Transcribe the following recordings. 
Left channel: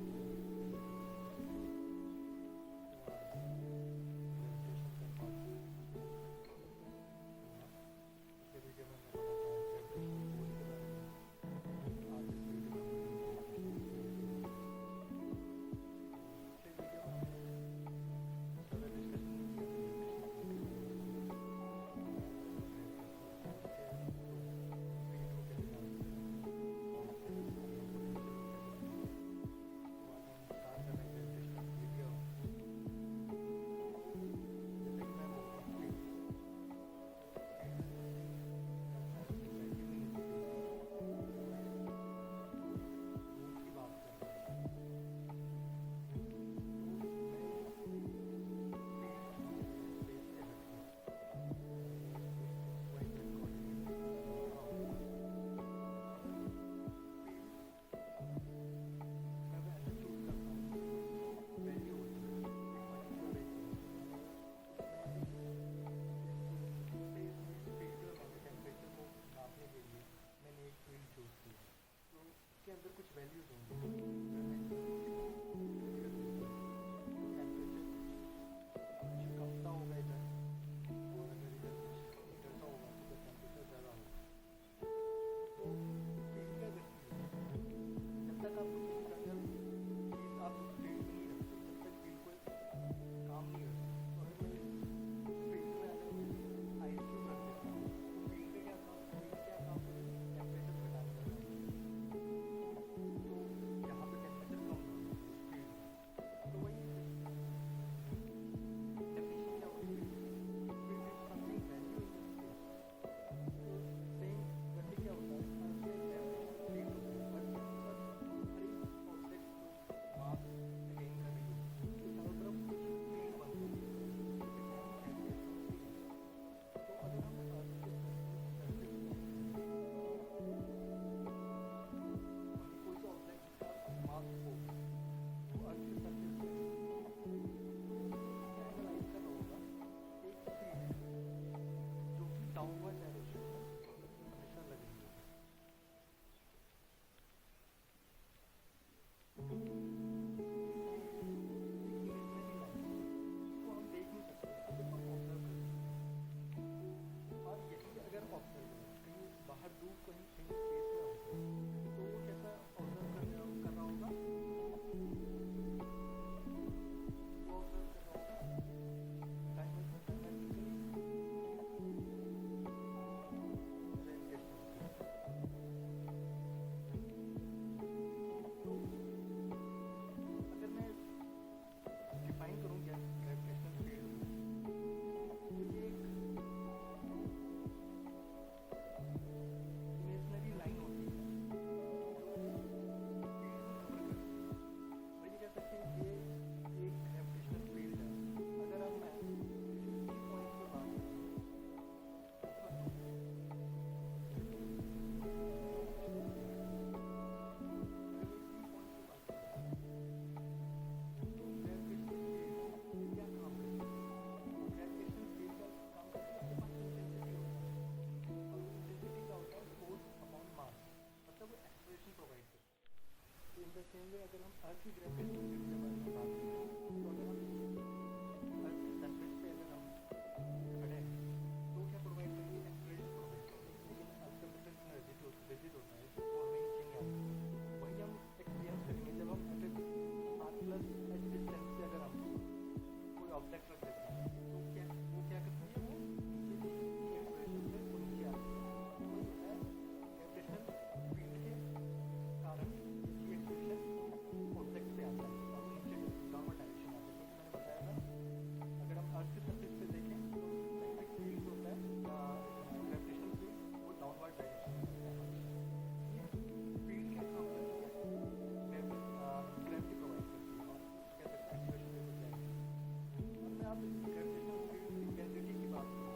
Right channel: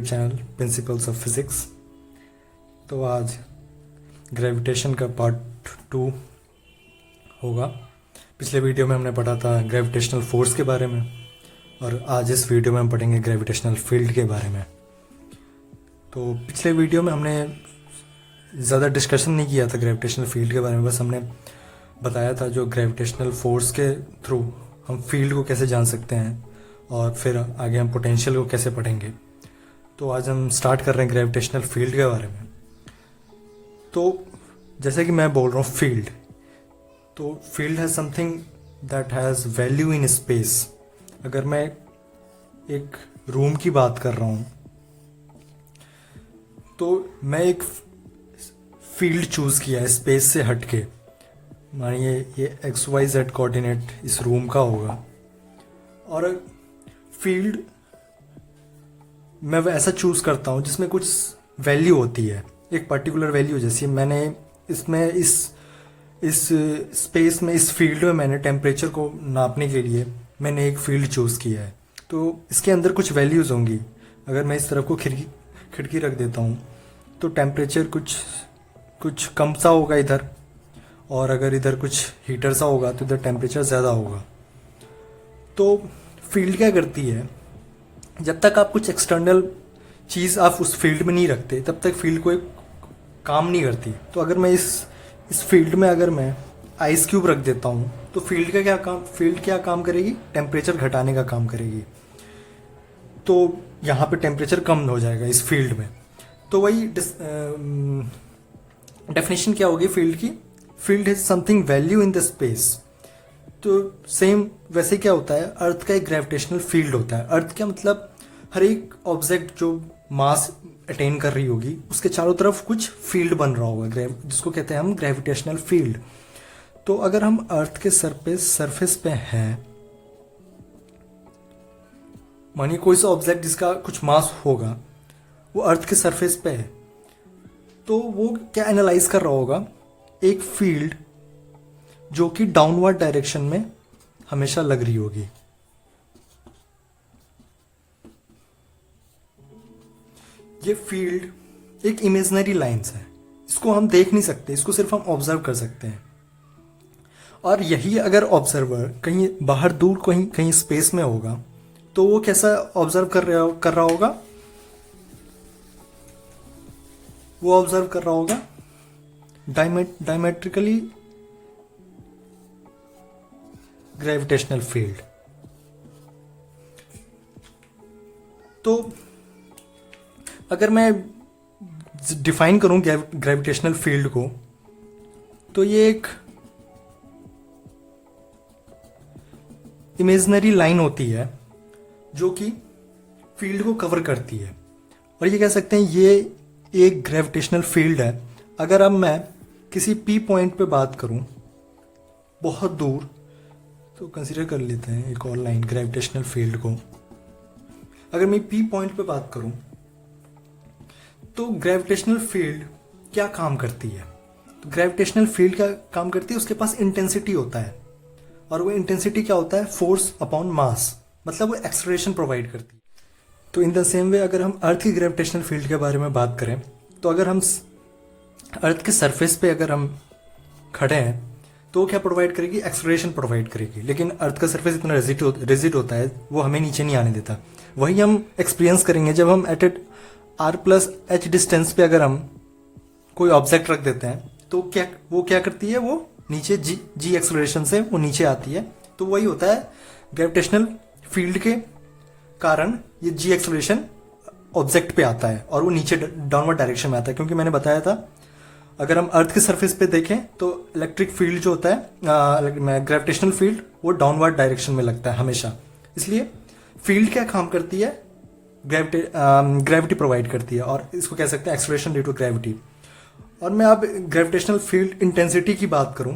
YouTube channel principles of physics. तो आज gravitation का पार्ट 2 होगा। पिछले वीडियो में हमने पढ़ा था ग्रेविटेशनल फोर्स के बारे में और आज इस वीडियो में हम पढ़ेंगे ग्रेविटेशनल फील्ड के बारे में। तो पिछले वीडियो में हमने ज़्यादा डिस्कशन नहीं किया था ग्रेविटेशनल फील्ड के बारे में, बस हमने बताया था जो ग्रेविटेशनल फोर्स के थ्रू हम फील्ड को कैसे जान सकते हैं और फिर आगे हम पोटेंशियल को कैसे पढ़ेंगे। तो आज हम स्टार्ट कर रहे हैं ग्रेविटेशनल फील्ड के बारे में। तो जैसे कि मैं बोल रहा हूँ फील्ड, तो फील्ड है something that has value in space. अगर मैं एक रूम की बात कर रहा हूँ तो मैं एक फील्ड चूज़ किया है स्पेस से हट के। मानिए ये XYZ कोऑर्डिनेट इस रूम का होगा और फील्ड मैं ऐसा चूज़ करता हूँ जिसमें कुछ वैल्यू होती है, एक पर्टिकुलर वैल्यू। जैसे मैंने इसमें इस स्पेस में इस फील्ड में मैंने टेम्परेचर को नापने के लिए मैंने एक फील्ड चूज़ किया है। तो इसके अंदर कुछ वैल्यूज़ होंगी। अगर मैं इस तरफ को खिड़की रख देता हूँ तो टेम्परेचर कुछ कम सा होगा इधर, और अगर इधर कुछ हीटर सा होगा तो इधर टेम्परेचर ज़्यादा होगा। तो फील्ड क्या करती है, जब तक आप कुछ एक्सटर्नल चीज़ आप उस फील्ड में नहीं रखते तब तक फील्ड कोई काम नहीं करती। तो अगर मैं इस फील्ड में अगर मैं आइस क्यूब रख देता हूँ तो फील्ड क्या काम करेगी, टेम्परेचर घटाने का काम करेगी। तो यहाँ पे टेम्परेचर कम हो जाएगा इस फील्ड में। तो वही डेफिनेशन क्या होगी फील्ड की, field is something value in the space. तो सेम वैसे क्या होता है, अर्थ का एक ग्रेविटेशनल फील्ड होता है। अर्थ क्या मतलब, हर एक ऑब्जेक्ट जो मास अटेन कर रही होगी उसके चारों तरफ कुछ फील्ड बन रहा होगा, जिसको कहते हैं हम ग्रेविटेशनल फील्ड। तो अगर हम अर्थ के सरफेस पे हैं, मानिए कोई सा ऑब्जेक्ट जिसका कुछ मास होगा वो अर्थ के सरफेस पे है, तो वो क्या एनालाइज कर रहा होगा, एक फील्ड जो कि डाउनवर्ड डायरेक्शन में हमेशा लग रही होगी। ये फील्ड एक इमेजिनरी लाइंस है, इसको हम देख नहीं सकते, इसको सिर्फ हम ऑब्जर्व कर सकते हैं। और यही अगर ऑब्जर्वर कहीं बाहर दूर कहीं स्पेस में होगा तो वो कैसा ऑब्जर्व कर रहा होगा, वो ऑब्जर्व कर रहा होगा डायमेट्रिकली ग्रेविटेशनल फील्ड। तो अगर मैं डिफाइन करूं ग्रेविटेशनल फील्ड को, तो ये एक इमेजिनरी लाइन होती है जो कि फील्ड को कवर करती है, और ये कह सकते हैं ये एक ग्रेविटेशनल फील्ड है। अगर अब मैं किसी P पॉइंट पे बात करूं बहुत दूर, तो कंसीडर कर लेते हैं एक और लाइन ग्रेविटेशनल फील्ड को। अगर मैं P पॉइंट पे बात करूं तो ग्रेविटेशनल फील्ड क्या काम करती है, तो ग्रेविटेशनल फील्ड क्या काम करती है, उसके पास इंटेंसिटी होता है, और वो इंटेंसिटी क्या होता है, फोर्स अपॉन मास, मतलब वो एक्सेलरेशन प्रोवाइड करती है। तो इन द सेम वे अगर हम अर्थ की ग्रेविटेशनल फील्ड के बारे में बात करें, तो अगर हम अर्थ के सरफेस पे अगर हम खड़े हैं तो क्या प्रोवाइड करेगी, एक्सेलरेशन प्रोवाइड करेगी। लेकिन अर्थ का सरफेस इतना रिजिड होता है, वो हमें नीचे नहीं आने देता। वही हम एक्सपीरियंस करेंगे जब हम एट r+h डिस्टेंस पे अगर हम कोई ऑब्जेक्ट रख देते हैं तो वो क्या करती है, वो नीचे जी एक्सेलरेशन से वो नीचे आती है। तो वही होता है ग्रेविटेशनल फील्ड के कारण ये जी एक्सेलरेशन ऑब्जेक्ट पे आता है और वो नीचे डाउनवर्ड डायरेक्शन में आता है। क्योंकि मैंने बताया था अगर हम अर्थ के सरफेस पे देखें तो इलेक्ट्रिक फील्ड जो होता है, ग्रेविटेशनल फील्ड, वो डाउनवर्ड डायरेक्शन में लगता है हमेशा। इसलिए फील्ड क्या काम करती है, ग्रेविटी प्रोवाइड करती है, और इसको कह सकते हैं एक्सेलरेशन ड्यू टू ग्रेविटी। और मैं अब ग्रेविटेशनल फील्ड इंटेंसिटी की बात करूं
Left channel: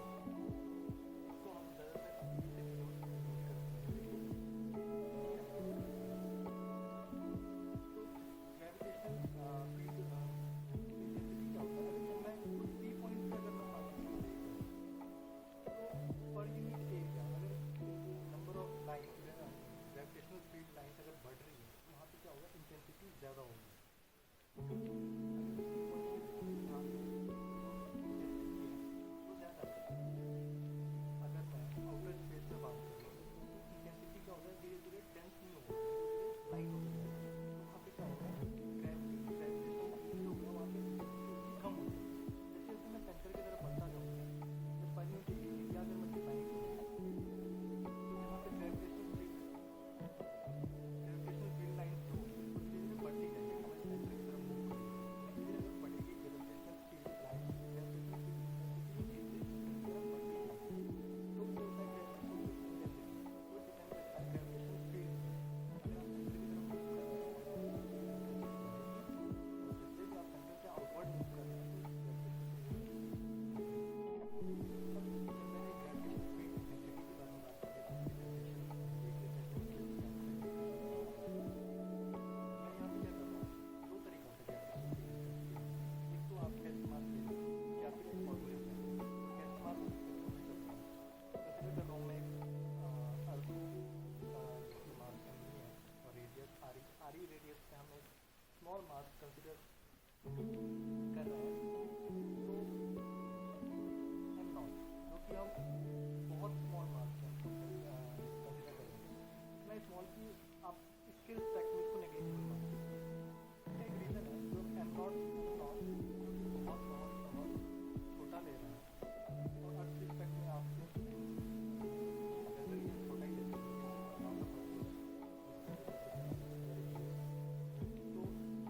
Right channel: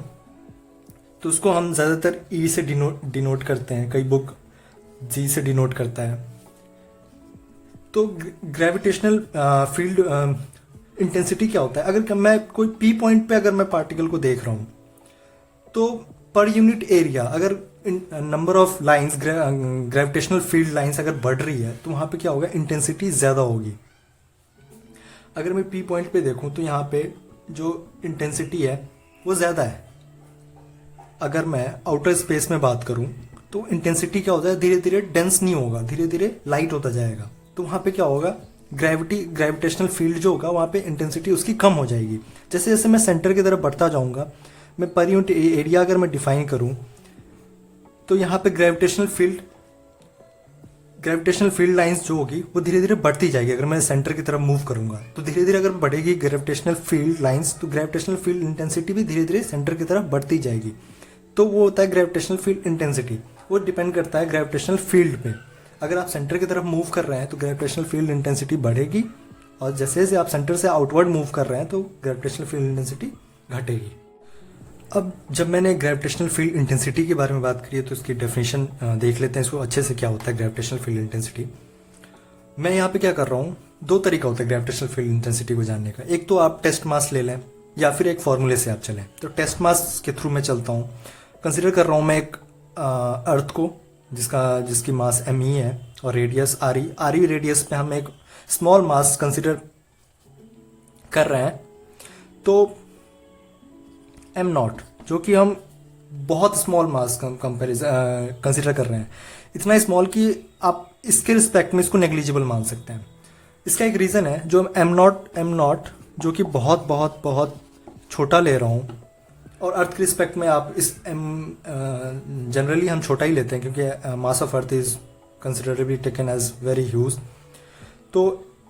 तो उसको हम ज़्यादातर E से डिनोट करते हैं, कई बुक G से डिनोट करता है। तो ग्रेविटेशनल फील्ड इंटेंसिटी क्या होता है, अगर मैं कोई P पॉइंट पे अगर मैं पार्टिकल को देख रहा हूँ तो पर यूनिट एरिया अगर number of lines gravitational field lines अगर बढ़ रही है तो वहाँ पे क्या होगा, इंटेंसिटी ज़्यादा होगी। अगर मैं पी पॉइंट पे देखूँ तो यहाँ पे जो इंटेंसिटी है वो ज़्यादा है। अगर मैं आउटर स्पेस में बात करूँ तो इंटेंसिटी क्या होता है, धीरे धीरे डेंस नहीं होगा, धीरे धीरे लाइट होता जाएगा। तो वहाँ पे क्या होगा, ग्रेविटेशनल फील्ड जो होगा वहाँ पे इंटेंसिटी उसकी कम हो जाएगी। जैसे जैसे मैं सेंटर की तरफ बढ़ता जाऊँगा, मैं पर यूनिट एरिया अगर मैं डिफाइन करूँ तो यहाँ पे ग्रेविटेशनल फील्ड लाइंस जो होगी वो धीरे धीरे बढ़ती जाएगी। अगर मैं सेंटर की तरफ मूव करूँगा तो धीरे धीरे अगर बढ़ेगी ग्रेविटेशनल फील्ड लाइंस, तो ग्रेविटेशनल फील्ड इंटेंसिटी भी धीरे धीरे सेंटर की तरफ बढ़ती जाएगी। तो वो होता है ग्रेविटेशनल फील्ड इंटेंसिटी। वो डिपेंड करता है ग्रेविटेशनल फील्ड पे। अगर आप सेंटर की तरफ मूव कर रहे हैं तो ग्रेविटेशनल फील्ड इंटेंसिटी बढ़ेगी, और जैसे जैसे आप सेंटर से आउटवर्ड मूव कर रहे हैं तो ग्रेविटेशनल फील्ड इंटेंसिटी घटेगी। अब जब मैंने ग्रेविटेशनल फील्ड इंटेंसिटी के बारे में बात करी है तो इसकी डेफिनेशन देख लेते हैं इसको अच्छे से, क्या होता है ग्रेविटेशनल फील्ड इंटेंसिटी। मैं यहाँ पे क्या कर रहा हूँ, दो तरीका होता है ग्रेविटेशनल फील्ड इंटेंसिटी को जानने का। एक तो आप टेस्ट मास ले लें या फिर एक फॉर्मूले से आप चलें। तो टेस्ट मास के थ्रू मैं चलता हूँ। कंसिडर कर रहा हूँ मैं एक अर्थ को जिसकी मास एम ई है और रेडियस आर ई रेडियस पे हम एक स्मॉल मास कंसिडर कर रहे हैं। तो एम नॉट जो कि हम बहुत स्मॉल मास कंसिडर कर रहे हैं, इतना स्मॉल कि आप इसके रिस्पेक्ट में इसको नेग्लिजिबल मान सकते हैं। इसका एक रीज़न है, जो एम नॉट जो कि बहुत बहुत बहुत छोटा ले रहा हूँ, और अर्थ के रिस्पेक्ट में आप इस जनरली हम छोटा ही लेते हैं क्योंकि mass of earth is considerably taken as very huge. तो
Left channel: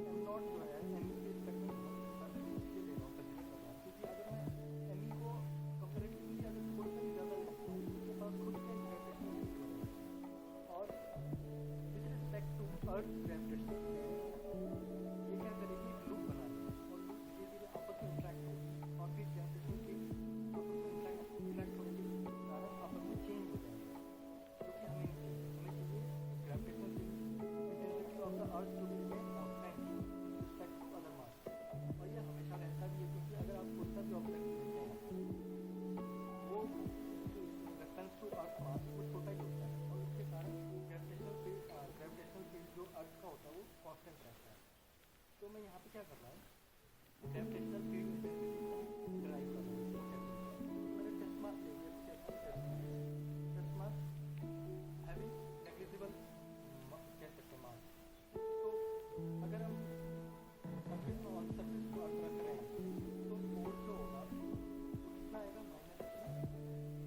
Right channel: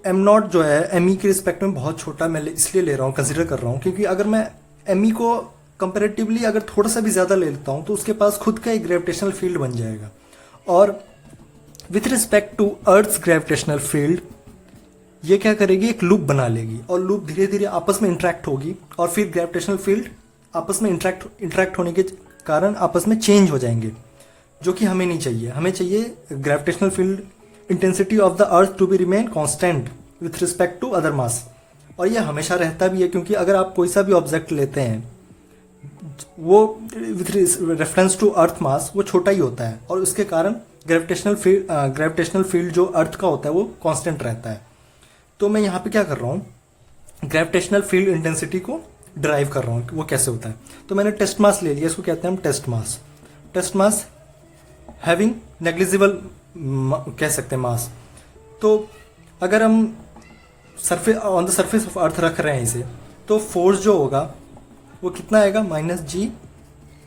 एम नॉट जो है एम ई के रिस्पेक्ट में बहुत छोटा मैं इसलिए ले रहा हूँ, कंसिडर कर रहा हूँ, क्योंकि अगर मैं एम ई को कंपेरेटिवली अगर थोड़ा सा भी ज़्यादा ले लेता हूँ तो उसके पास खुद का एक ग्रेविटेशनल फील्ड बन जाएगा। और with respect to earth's gravitational field ये क्या करेगी, एक लूप बना लेगी, और लूप धीरे धीरे आपस में इंटरेक्ट होगी, और फिर ग्रेविटेशनल फील्ड आपस में इंटरेक्ट होने के कारण आपस में चेंज हो जाएंगे, जो कि हमें नहीं चाहिए। हमें चाहिए gravitational field intensity of the earth to be remain constant with respect to other mass. और ये हमेशा रहता भी है, क्योंकि अगर आप कोई सा भी ऑब्जेक्ट लेते हैं वो विथ रेफरेंस टू अर्थ मास वो छोटा ही होता है, और उसके कारण ग्रेविटेशनल फील्ड जो अर्थ का होता है वो कांस्टेंट रहता है। तो मैं यहाँ पे क्या कर रहा हूँ, ग्रेविटेशनल फील्ड इंटेंसिटी को ड्राइव कर रहा हूँ, वो कैसे होता है। तो मैंने टेस्ट मास ले लिया, इसको कहते हैं हम टेस्ट मास हैविंग नेग्लिजिबल कह सकते हैं मास। तो अगर हम on the surface of earth रख रहे हैं इसे, तो फोर्स जो होगा वो कितना आएगा, minus G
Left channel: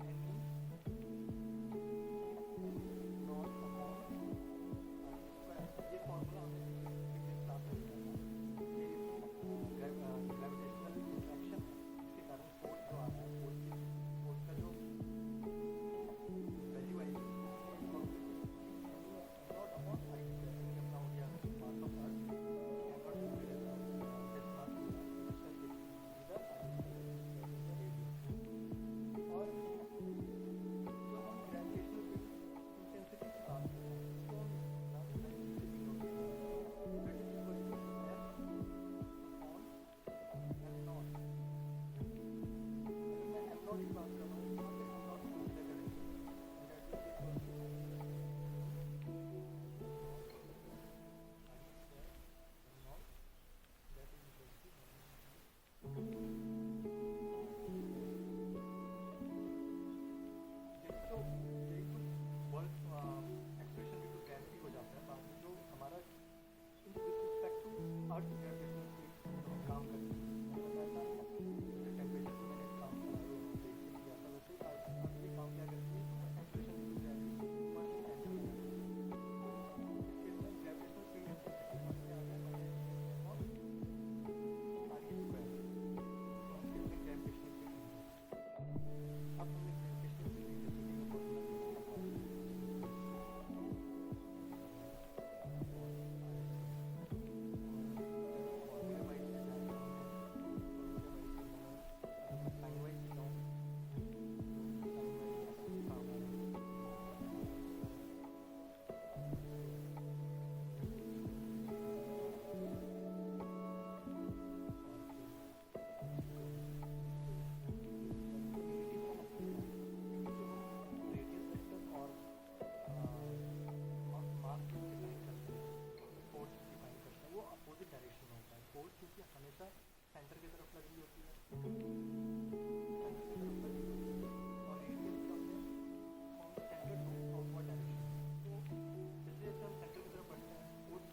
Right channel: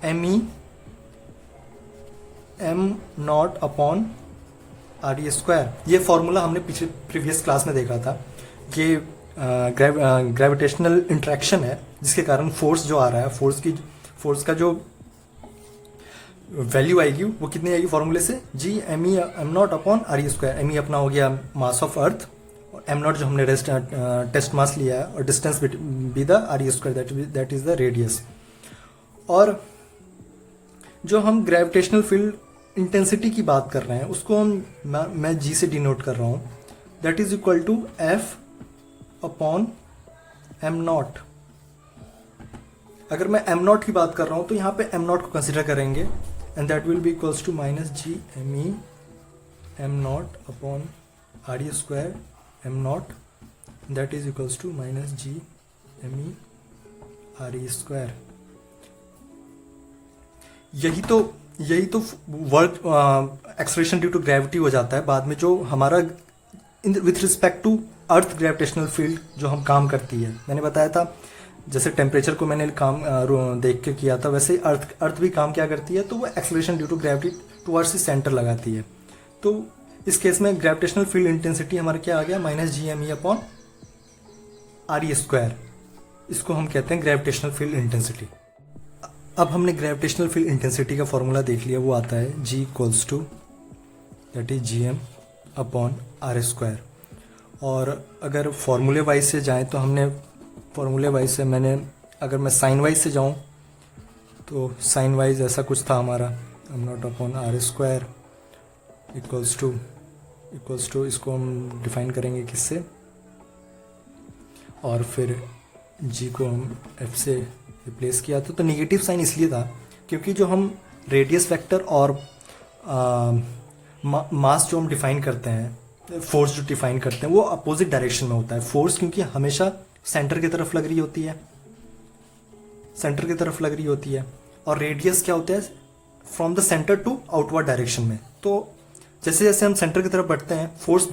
M e m naught upon R E square. ये फॉर्मूला हमने प्रीवियस क्लास में देखा था। ये ग्रेविटेशनल इंट्रैक्शन है जिसके कारण फोर्स जो आ रहा है, फोर्स का जो वैल्यू आएगी वो कितनी आएगी फॉर्मूले से, g M e m naught upon R E square. M e अपना हो गया mass of earth, m naught जो हमने टेस्ट मास लिया है, और distance be the r E square, that is the radius. और जो हम ग्रेविटेशनल फील्ड इंटेंसिटी की बात कर रहे हैं उसको मैं जी से डिनोट कर रहा हूँ, that is equal to f upon m naught. अगर मैं एम नॉट की बात कर रहा हूँ तो यहाँ पे एम नॉट को कंसिडर करेंगे, and that will be equals to minus G M e m naught upon R E square m naught, that is equals to minus G M e r E square. यही तो work acceleration due to gravity हो जाता है बाद में, जो हमारा with respect to earth gravitational field जो हम काम करती है। मैंने बताया था जैसे टेम्परेचर को मैंने काम देख के किया था, वैसे अर्थ भी काम क्या करती है, तो वो acceleration due to gravity towards the centre लगाती है। तो इस केस में ग्रेविटेशनल फील्ड इंटेंसिटी हमारा क्या आ गया, minus G M E upon R E square. इसको हम कहते हैं ग्रेविटेशनल फील्ड इंटेंसिटी। अब हमने ग्रेविटेशनल फील्ड इंटेंसिटी का फॉर्मूला देख लिया, वो आता है g equals to that is G M upon are square. और अगर फॉर्मूले वाइज से जाएं तो हमने फॉर्मूले वाइज से अगर मैं साइन वाइज से जाऊं तो साइन वाइज ऐसा कुछ था हमारा, m naught upon are square equals to इसको हम डिफाइन करेंगे किससे, और फिर जी को हम एफ से रिप्लेस किया था। तो नेगेटिव साइन इसलिए था क्योंकि जो हम रेडियस वेक्टर और मास जो हम डिफाइन करते हैं, फोर्स जो डिफाइन करते हैं, वो अपोजिट डायरेक्शन में होता है। फोर्स क्योंकि हमेशा सेंटर की तरफ लग रही होती है, सेंटर की तरफ लग रही होती है, और रेडियस क्या होता है, from the centre to outward direction में। तो जैसे जैसे हम सेंटर की तरफ बढ़ते हैं, फोर्स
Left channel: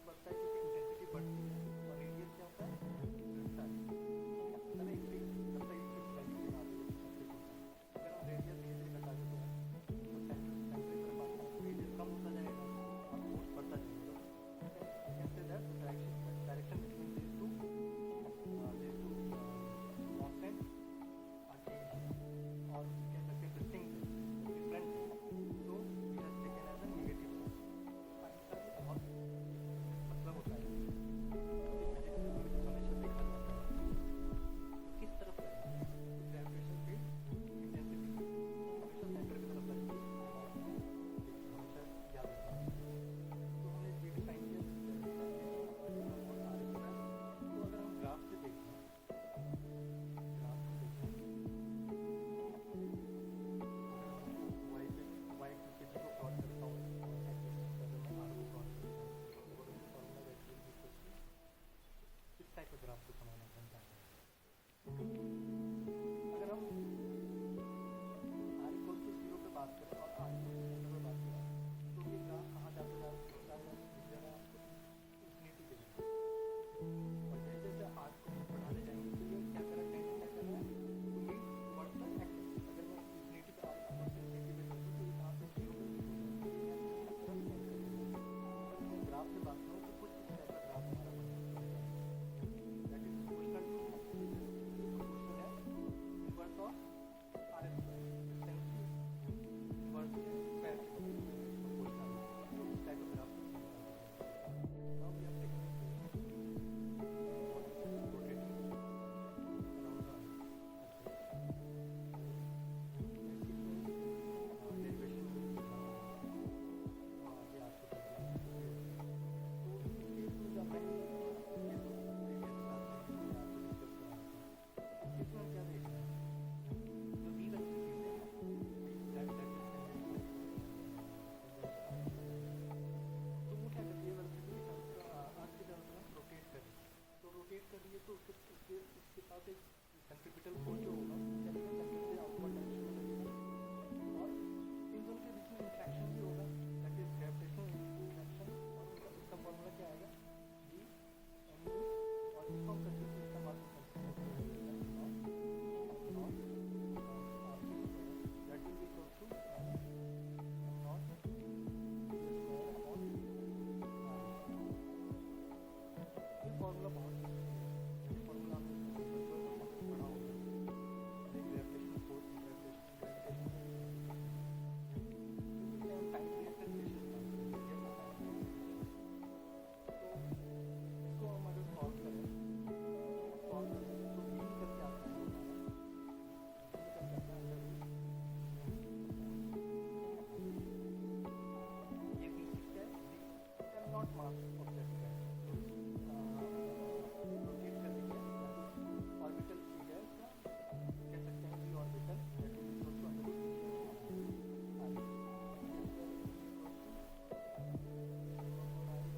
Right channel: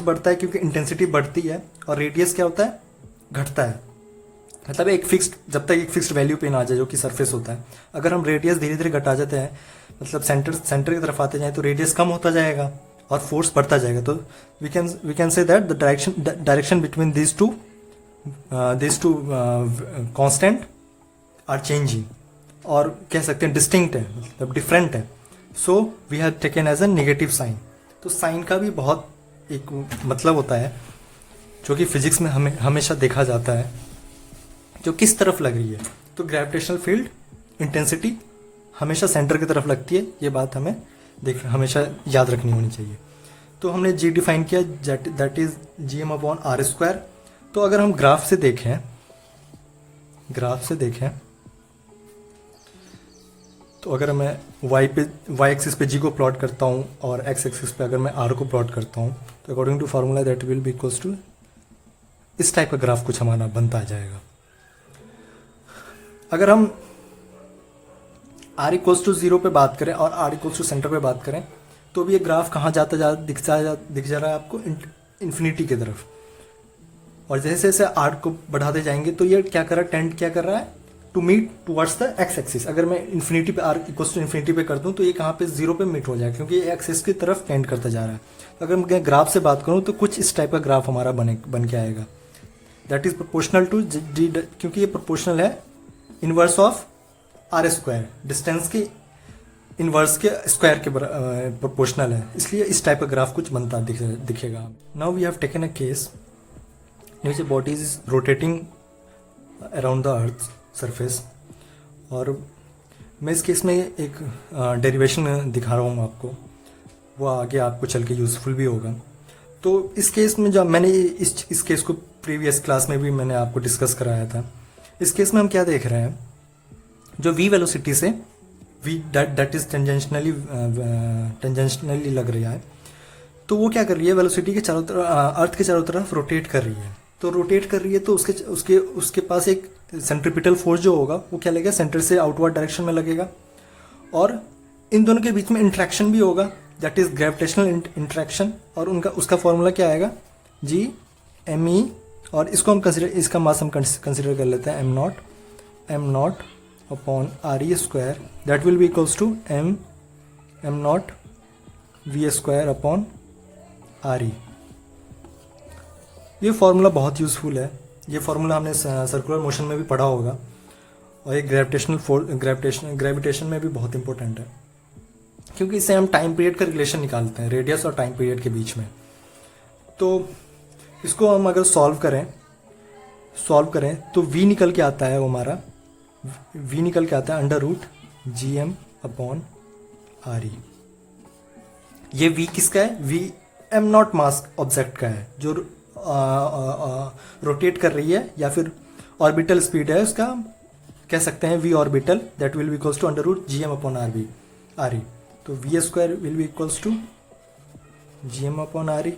बढ़ता है क्योंकि इंटेंसिटी बढ़ती है, और रेडियस क्या होता है, घटता है। मतलब एक फिक्स्ड, जब तक एक फिक्स्ड वैल्यू पे ना आ जाए जो कि सरफेस होता है। अगर हम रेडियस धीरे धीरे घटा जाते हैं, मतलब सेंटर की तरफ आते जाए, तो रेडियस कम होता जाएगा और फोर्स बढ़ता जाएगा। तो we can say that the direction between this two constant are changing, और कह सकते हैं डिस्टिंक्ट है, मतलब डिफरेंट है। So we have taken as a negative sign. तो साइन का भी बहुत एक मतलब होता है जो कि फिजिक्स में हमें हमेशा देखा जाता है, जो किस तरफ लग रही है। तो ग्रेविटेशनल फील्ड इंटेंसिटी हमेशा सेंटर की तरफ लगती है, ये बात हमें हमेशा याद रखनी होनी चाहिए। तो हमने जी डिफाइन किया, दैट इज GM/r²। तो अगर हम ग्राफ से देखें तो अगर मैं y एक्सिस पे g को प्लॉट करता हूँ और x एक्सिस पे अगर मैं r को प्लॉट करता हूँ, तो according to formula that will be equals to, इस टाइप का ग्राफ कुछ हमारा बनता आ जाएगा। अगर हम r=0 पे बात करें और r= सेंटर पे बात करें, तो भी ये ग्राफ कहाँ दिख जा रहा है आपको, इन्फिनिटी की तरफ। और जैसे जैसे r को बढ़ाते जाएंगे तो ये क्या कर रहा है, टेंड क्या कर रहा है, to meet towards the x axis. अगर मैं इन्फिनिटी पे r=इन्फिनिटी पे कर दूं तो ये कहाँ पे 0 पे मीट हो जाएगा, क्योंकि ये एक्सिस की तरफ टेंड करता जा रहा है। तो अगर मैं ग्राफ से बात करूँ तो कुछ इस टाइप का ग्राफ हमारा बन के आएगा, that is proportional to g, क्योंकि ये प्रोपोर्शनल है इनवर्स ऑफ r², डिस्टेंस के इनवर्स के स्क्वायर के प्रोपोर्शनल है, इसलिए इस टाइप का ग्राफ कुछ बनता दिखेगा। Now we have taken a case in which body is rotating around the earth surface, और मैं इस केस में एक डेरिवेशन दिखा रहा हूँ आपको, वो आगे आपको चल के यूज़फुल भी होगा। तो इस केस में जब मैंने इस केस को प्रीवियस क्लास में भी मैंने आपको डिस्कस कराया था। इस केस में हम क्या देख रहे हैं, जो v वेलोसिटी से v दैट इज टेंजेंशनली लग रहा है, तो वो क्या कर रही है, वेलोसिटी के चारों तरफ, अर्थ के चारों तरफ रोटेट कर रही है। तो रोटेट कर रही है तो उसके पास एक सेंट्रीपिटल फोर्स जो होगा वो क्या लगेगा, सेंटर से आउटवर्ड डायरेक्शन में लगेगा, और इन दोनों के बीच में इंट्रैक्शन भी होगा, दैट इज ग्रेविटेशनल इंट्रैक्शन। और उसका फॉर्मूला क्या आएगा, G_me, और इसको हम इसका मास हम कंसिडर कर लेते हैं m0 upon re², that will be equals to m0 v² upon re। ये फार्मूला बहुत यूज़फुल है, ये फार्मूला हमने सर्कुलर मोशन में भी पढ़ा होगा, और ये ग्रेविटेशन में भी बहुत इंपॉर्टेंट है, क्योंकि इससे हम टाइम पीरियड का रिलेशन निकालते हैं, रेडियस और टाइम पीरियड के बीच में। तो इसको हम अगर सॉल्व करें तो v निकल के आता है, वो हमारा v निकल के आता है √GM/re। ये v किसका है, v m0 मास ऑब्जेक्ट का है, जो रोटेट कर रही है, या फिर ऑर्बिटल स्पीड है उसका, कह सकते हैं v orbital, that will be equals to √GM/re। तो v² will be equals to GM/re,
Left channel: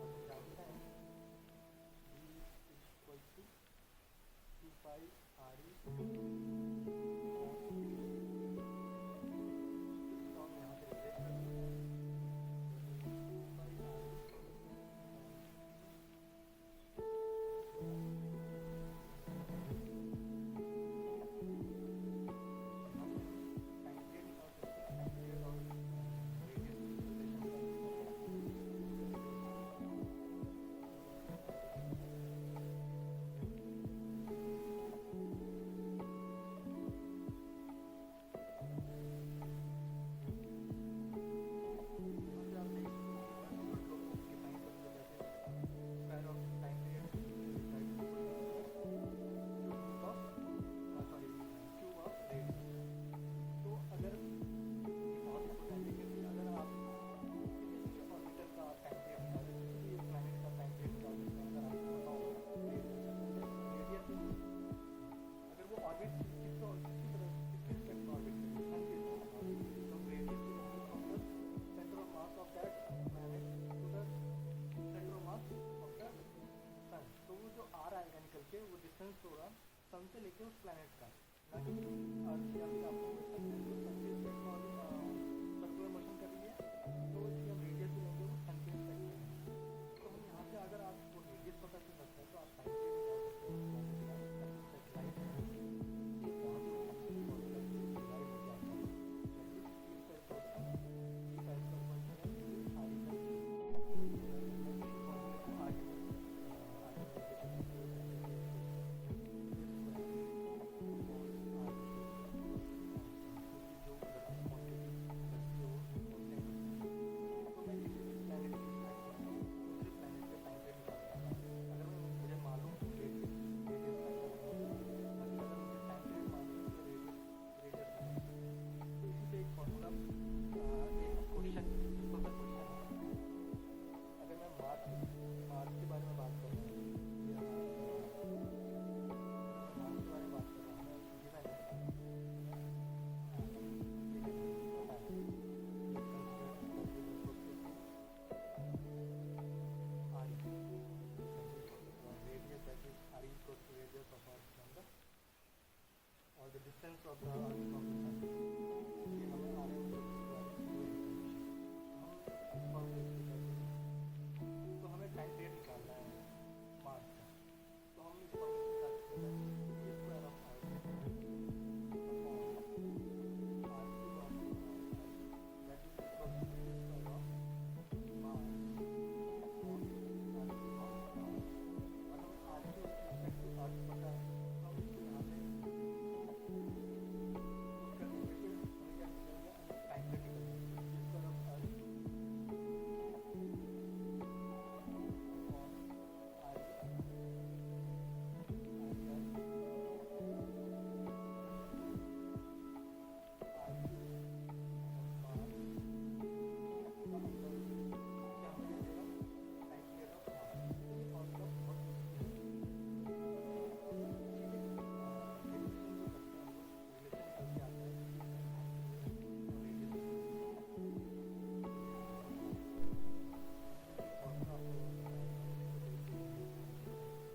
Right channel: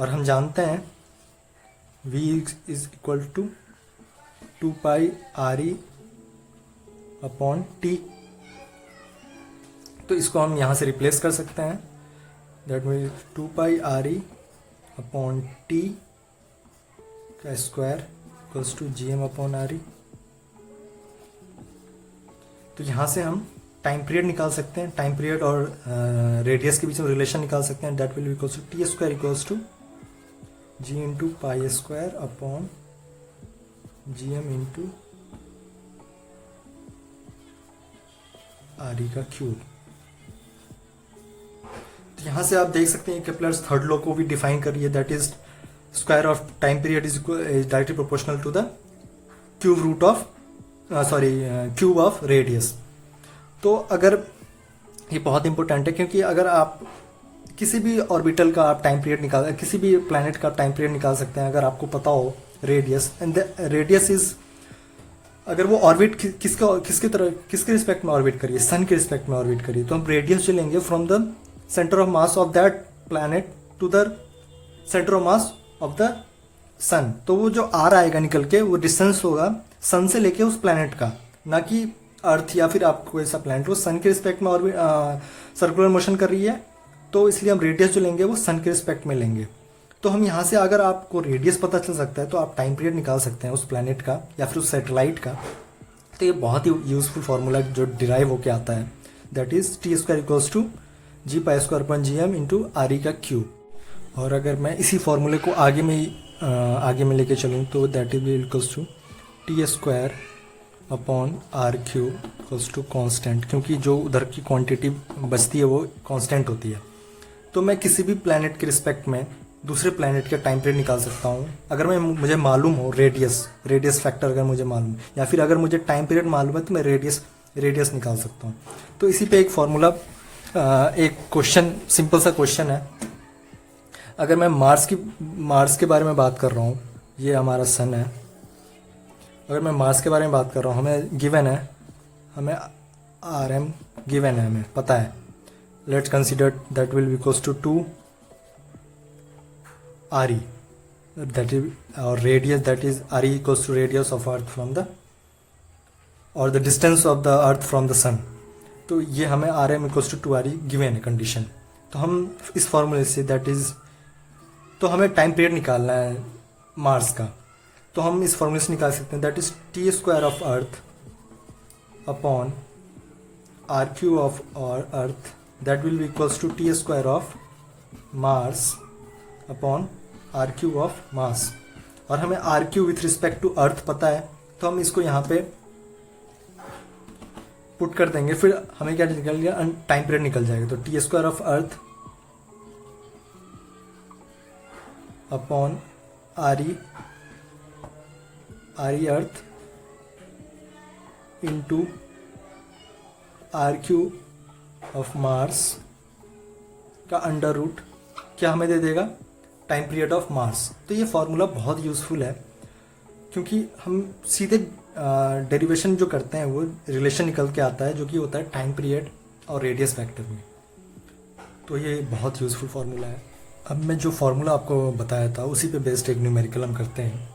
और हम जानते हैं v is equal to 2πre/t। तो इसको हम यहाँ से रिप्लेस कर सकते हैं, दैट मीन्स 2πre/t का स्क्वायर इक्वल्स टू GM/re। तो यहाँ से हम टाइम पीरियड निकाल सकते हैं, टाइम पीरियड और रेडियस के बीच में रिलेशन निकाल सकते हैं, that will be equals to t² equals to g into π² upon GM into re का क्यूब। तो यहाँ से आप देख सकते हैं केप्लर्स थर्ड लॉ को भी डिफाइन कर रही है, that is square of time period is directly proportional to the cube of radius. तो अगर ये बहुत इंपॉर्टेंट है, क्योंकि अगर आप किसी भी ऑर्बिटल का आप टाइम पीरियड निकाल, किसी भी प्लैनेट का टाइम पीरियड निकाल सकते हैं, अगर आपको पता हो radius, and the radius is अगर वो ऑर्बिट किसके रिस्पेक्ट में ऑर्बिट करिए, सन के रिस्पेक्ट में ऑर्बिट करिए, तो हम रेडियस जो लेंगे from the centre of mass of that planet to the centre of mass of the sun. तो वो जो आर आएगा निकल के, वो डिस्टेंस होगा सन से लेके उस प्लैनेट का, ना कि अर्थ या फिर आपको ऐसा प्लैनेट वो सन के रिस्पेक्ट में ऑर्बिट सर्कुलर मोशन कर रही है, तो इसलिए हम रेडियस जो लेंगे वो सन के रिस्पेक्ट में लेंगे। तो हम यहाँ से अगर आपको रेडियस पता चल सकता है तो आप टाइम पीरियड निकाल सकते हैं उस प्लैनेट का या फिर उस सैटेलाइट का। तो ये बहुत ही यूजफुल फार्मूला जो डिराइव होके आता है, that is T² equals to G²/gm into RE का क्यूब। और अगर मैं इसी फार्मूले को आगे में लेके चलूँ तो that is equals to T² upon R³ equals to constant, क्योंकि जो उधर की क्वांटिटी बचती है वो कांस्टेंट होती है। तो मैं किसी भी प्लैनेट के रिस्पेक्ट में दूसरे प्लैनेट का टाइम पीरियड निकाल सकता हूँ अगर मुझे मालूम हो रेडियस फैक्टर अगर मुझे मालूम, या फिर अगर मुझे टाइम पीरियड मालूम है तो मैं रेडियस निकाल सकता हूँ। तो इसी पे एक फॉर्मूला, एक क्वेश्चन, सिंपल सा क्वेश्चन है। अगर मैं मार्स के बारे में बात कर रहा हूँ, ये हमारा सन है, अगर मैं मार्स के बारे में बात कर रहा हूँ, हमें गिवन है, हमें RM गिवन है, हमें पता है। Let's consider that will be equals to 2 RE, that is our radius, that is RE equals to radius of earth from the, or the distance of the earth from the sun। तो ये हमें RM equals to 2RE given है condition. तो हम इस फॉर्मूले say that is, तो हमें टाइम पीरियड निकालना है मार्स का, तो हम इस फॉर्मूले से निकाल सकते हैं that is T² of earth upon R³ of earth, that will be equals to T² of Mars upon R³ of Mars. और हमें R³ विथ रिस्पेक्ट टू अर्थ पता है, तो हम इसको यहाँ पे पुट कर देंगे, फिर हमें क्या निकल गया, टाइम पीरियड निकल जाएगा। तो T² of earth upon RE earth into R³ of Mars का अंडर रूट क्या हमें दे देगा, टाइम पीरियड ऑफ मार्स। तो ये फार्मूला बहुत यूज़फुल है, क्योंकि हम सीधे डेरिवेशन जो करते हैं वो रिलेशन निकल के आता है, जो कि होता है टाइम पीरियड और रेडियस फैक्टर में। तो ये बहुत यूज़फुल फार्मूला है। अब मैं जो फार्मूला आपको बताया था उसी पे बेस्ड एक न्यूमेरिकल हम करते हैं।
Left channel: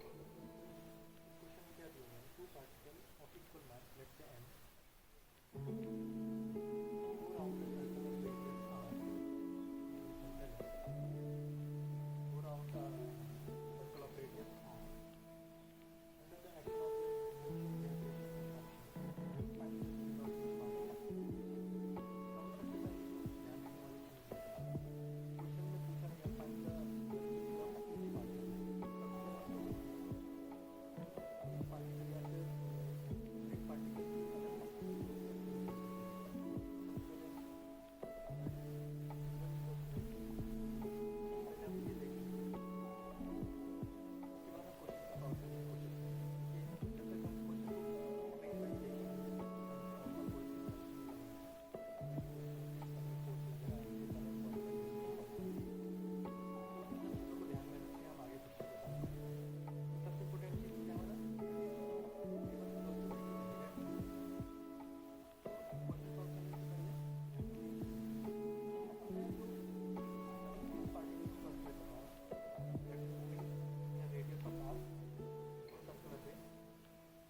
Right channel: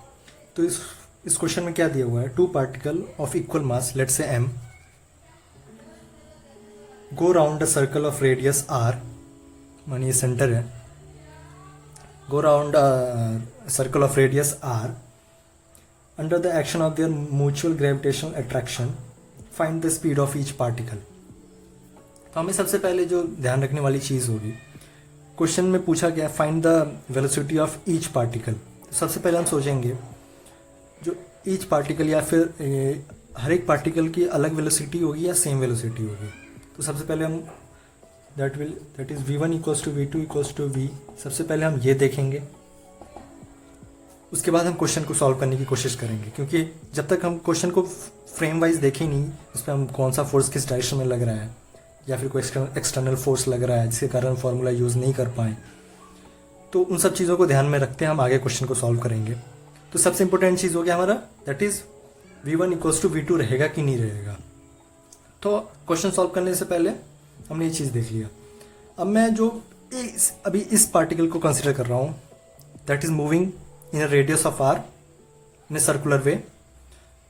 तो इस क्वेश्चन में क्या दिया हुआ है, 2 particle of equal mass, let's say m, go round a circle of radius r, मानिए सेंटर है, go around a circle of radius r under the action of their mutual gravitational attraction, find the speed of each particle। तो हमें सबसे पहले जो ध्यान रखने वाली चीज़ होगी, क्वेश्चन में पूछा गया find the velocity of each particle. सबसे पहले हम सोचेंगे जो ईच पार्टिकल या फिर हर एक पार्टिकल की अलग वेलोसिटी होगी या सेम वेलोसिटी होगी। तो सबसे पहले हम that is v1 equals to v2 equals to v, सबसे पहले हम ये देखेंगे, उसके बाद हम क्वेश्चन को सॉल्व करने की कोशिश करेंगे, क्योंकि जब तक हम क्वेश्चन को फ्रेम वाइज देखें नहीं, उस पर हम कौन सा फोर्स किस डायरेक्शन में लग रहा है या फिर कोई एक्सटर्नल फोर्स लग रहा है जिसके कारण फार्मूला यूज़ नहीं कर पाए, तो उन सब चीज़ों को ध्यान में रखते हैं हम आगे क्वेश्चन को सॉल्व करेंगे। तो सबसे इंपॉर्टेंट चीज़ हो गया हमारा that is v1 equals to v2 रहेगा कि नहीं रहेगा। तो क्वेश्चन सॉल्व करने से पहले हमने ये चीज़ देख लिया। अब मैं जो अभी इस पार्टिकल को कंसिडर कर रहा हूँ that is moving in a radius of r in a circular way,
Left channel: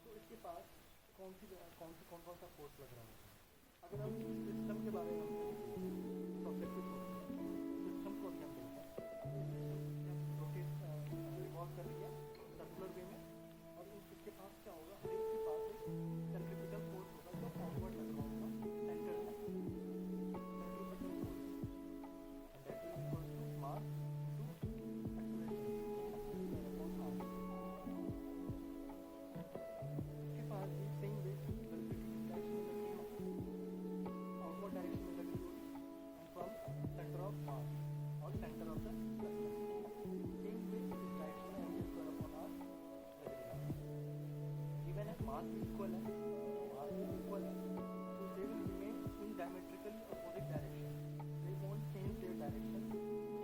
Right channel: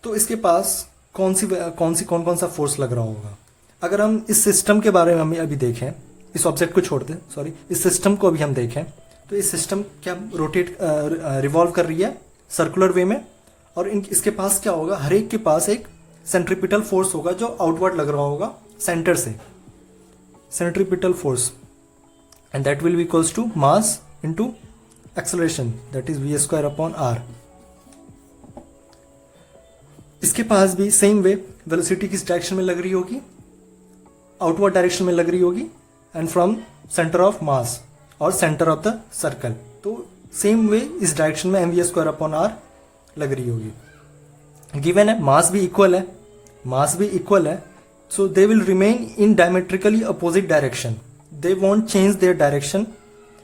तो इसके पास कौन कौन सा फोर्स लग रहा होगा। अगर हम इस सिस्टम के बारे में हम अभी देखें, इस ऑब्जेक्ट को छोड़ दें, सॉरी इस सिस्टम को अभी हम देखें, तो इस सिस्टम क्या रोटेट रिवॉल्व कर रही है सर्कुलर वे में, और इसके पास क्या होगा, हर एक के पास एक सेंट्रीपिटल फोर्स होगा जो आउटवर्ड लग रहा होगा सेंटर से, centripetal force, and that will be equals to mass into acceleration that is v² upon r। इसके पास भी सेम वे वेलोसिटी किस डायरेक्शन में लग रही होगी, आउटवर्ड डायरेक्शन में लग रही होगी, and from centre of Mars और सेंटर ऑफ द सर्कल, तो सेम वे इस डायरेक्शन में mv² अपॉन r लग रही होगी। गिवन है मास भी इक्वल है, so they will remain in diametrically opposite direction, they won't change their direction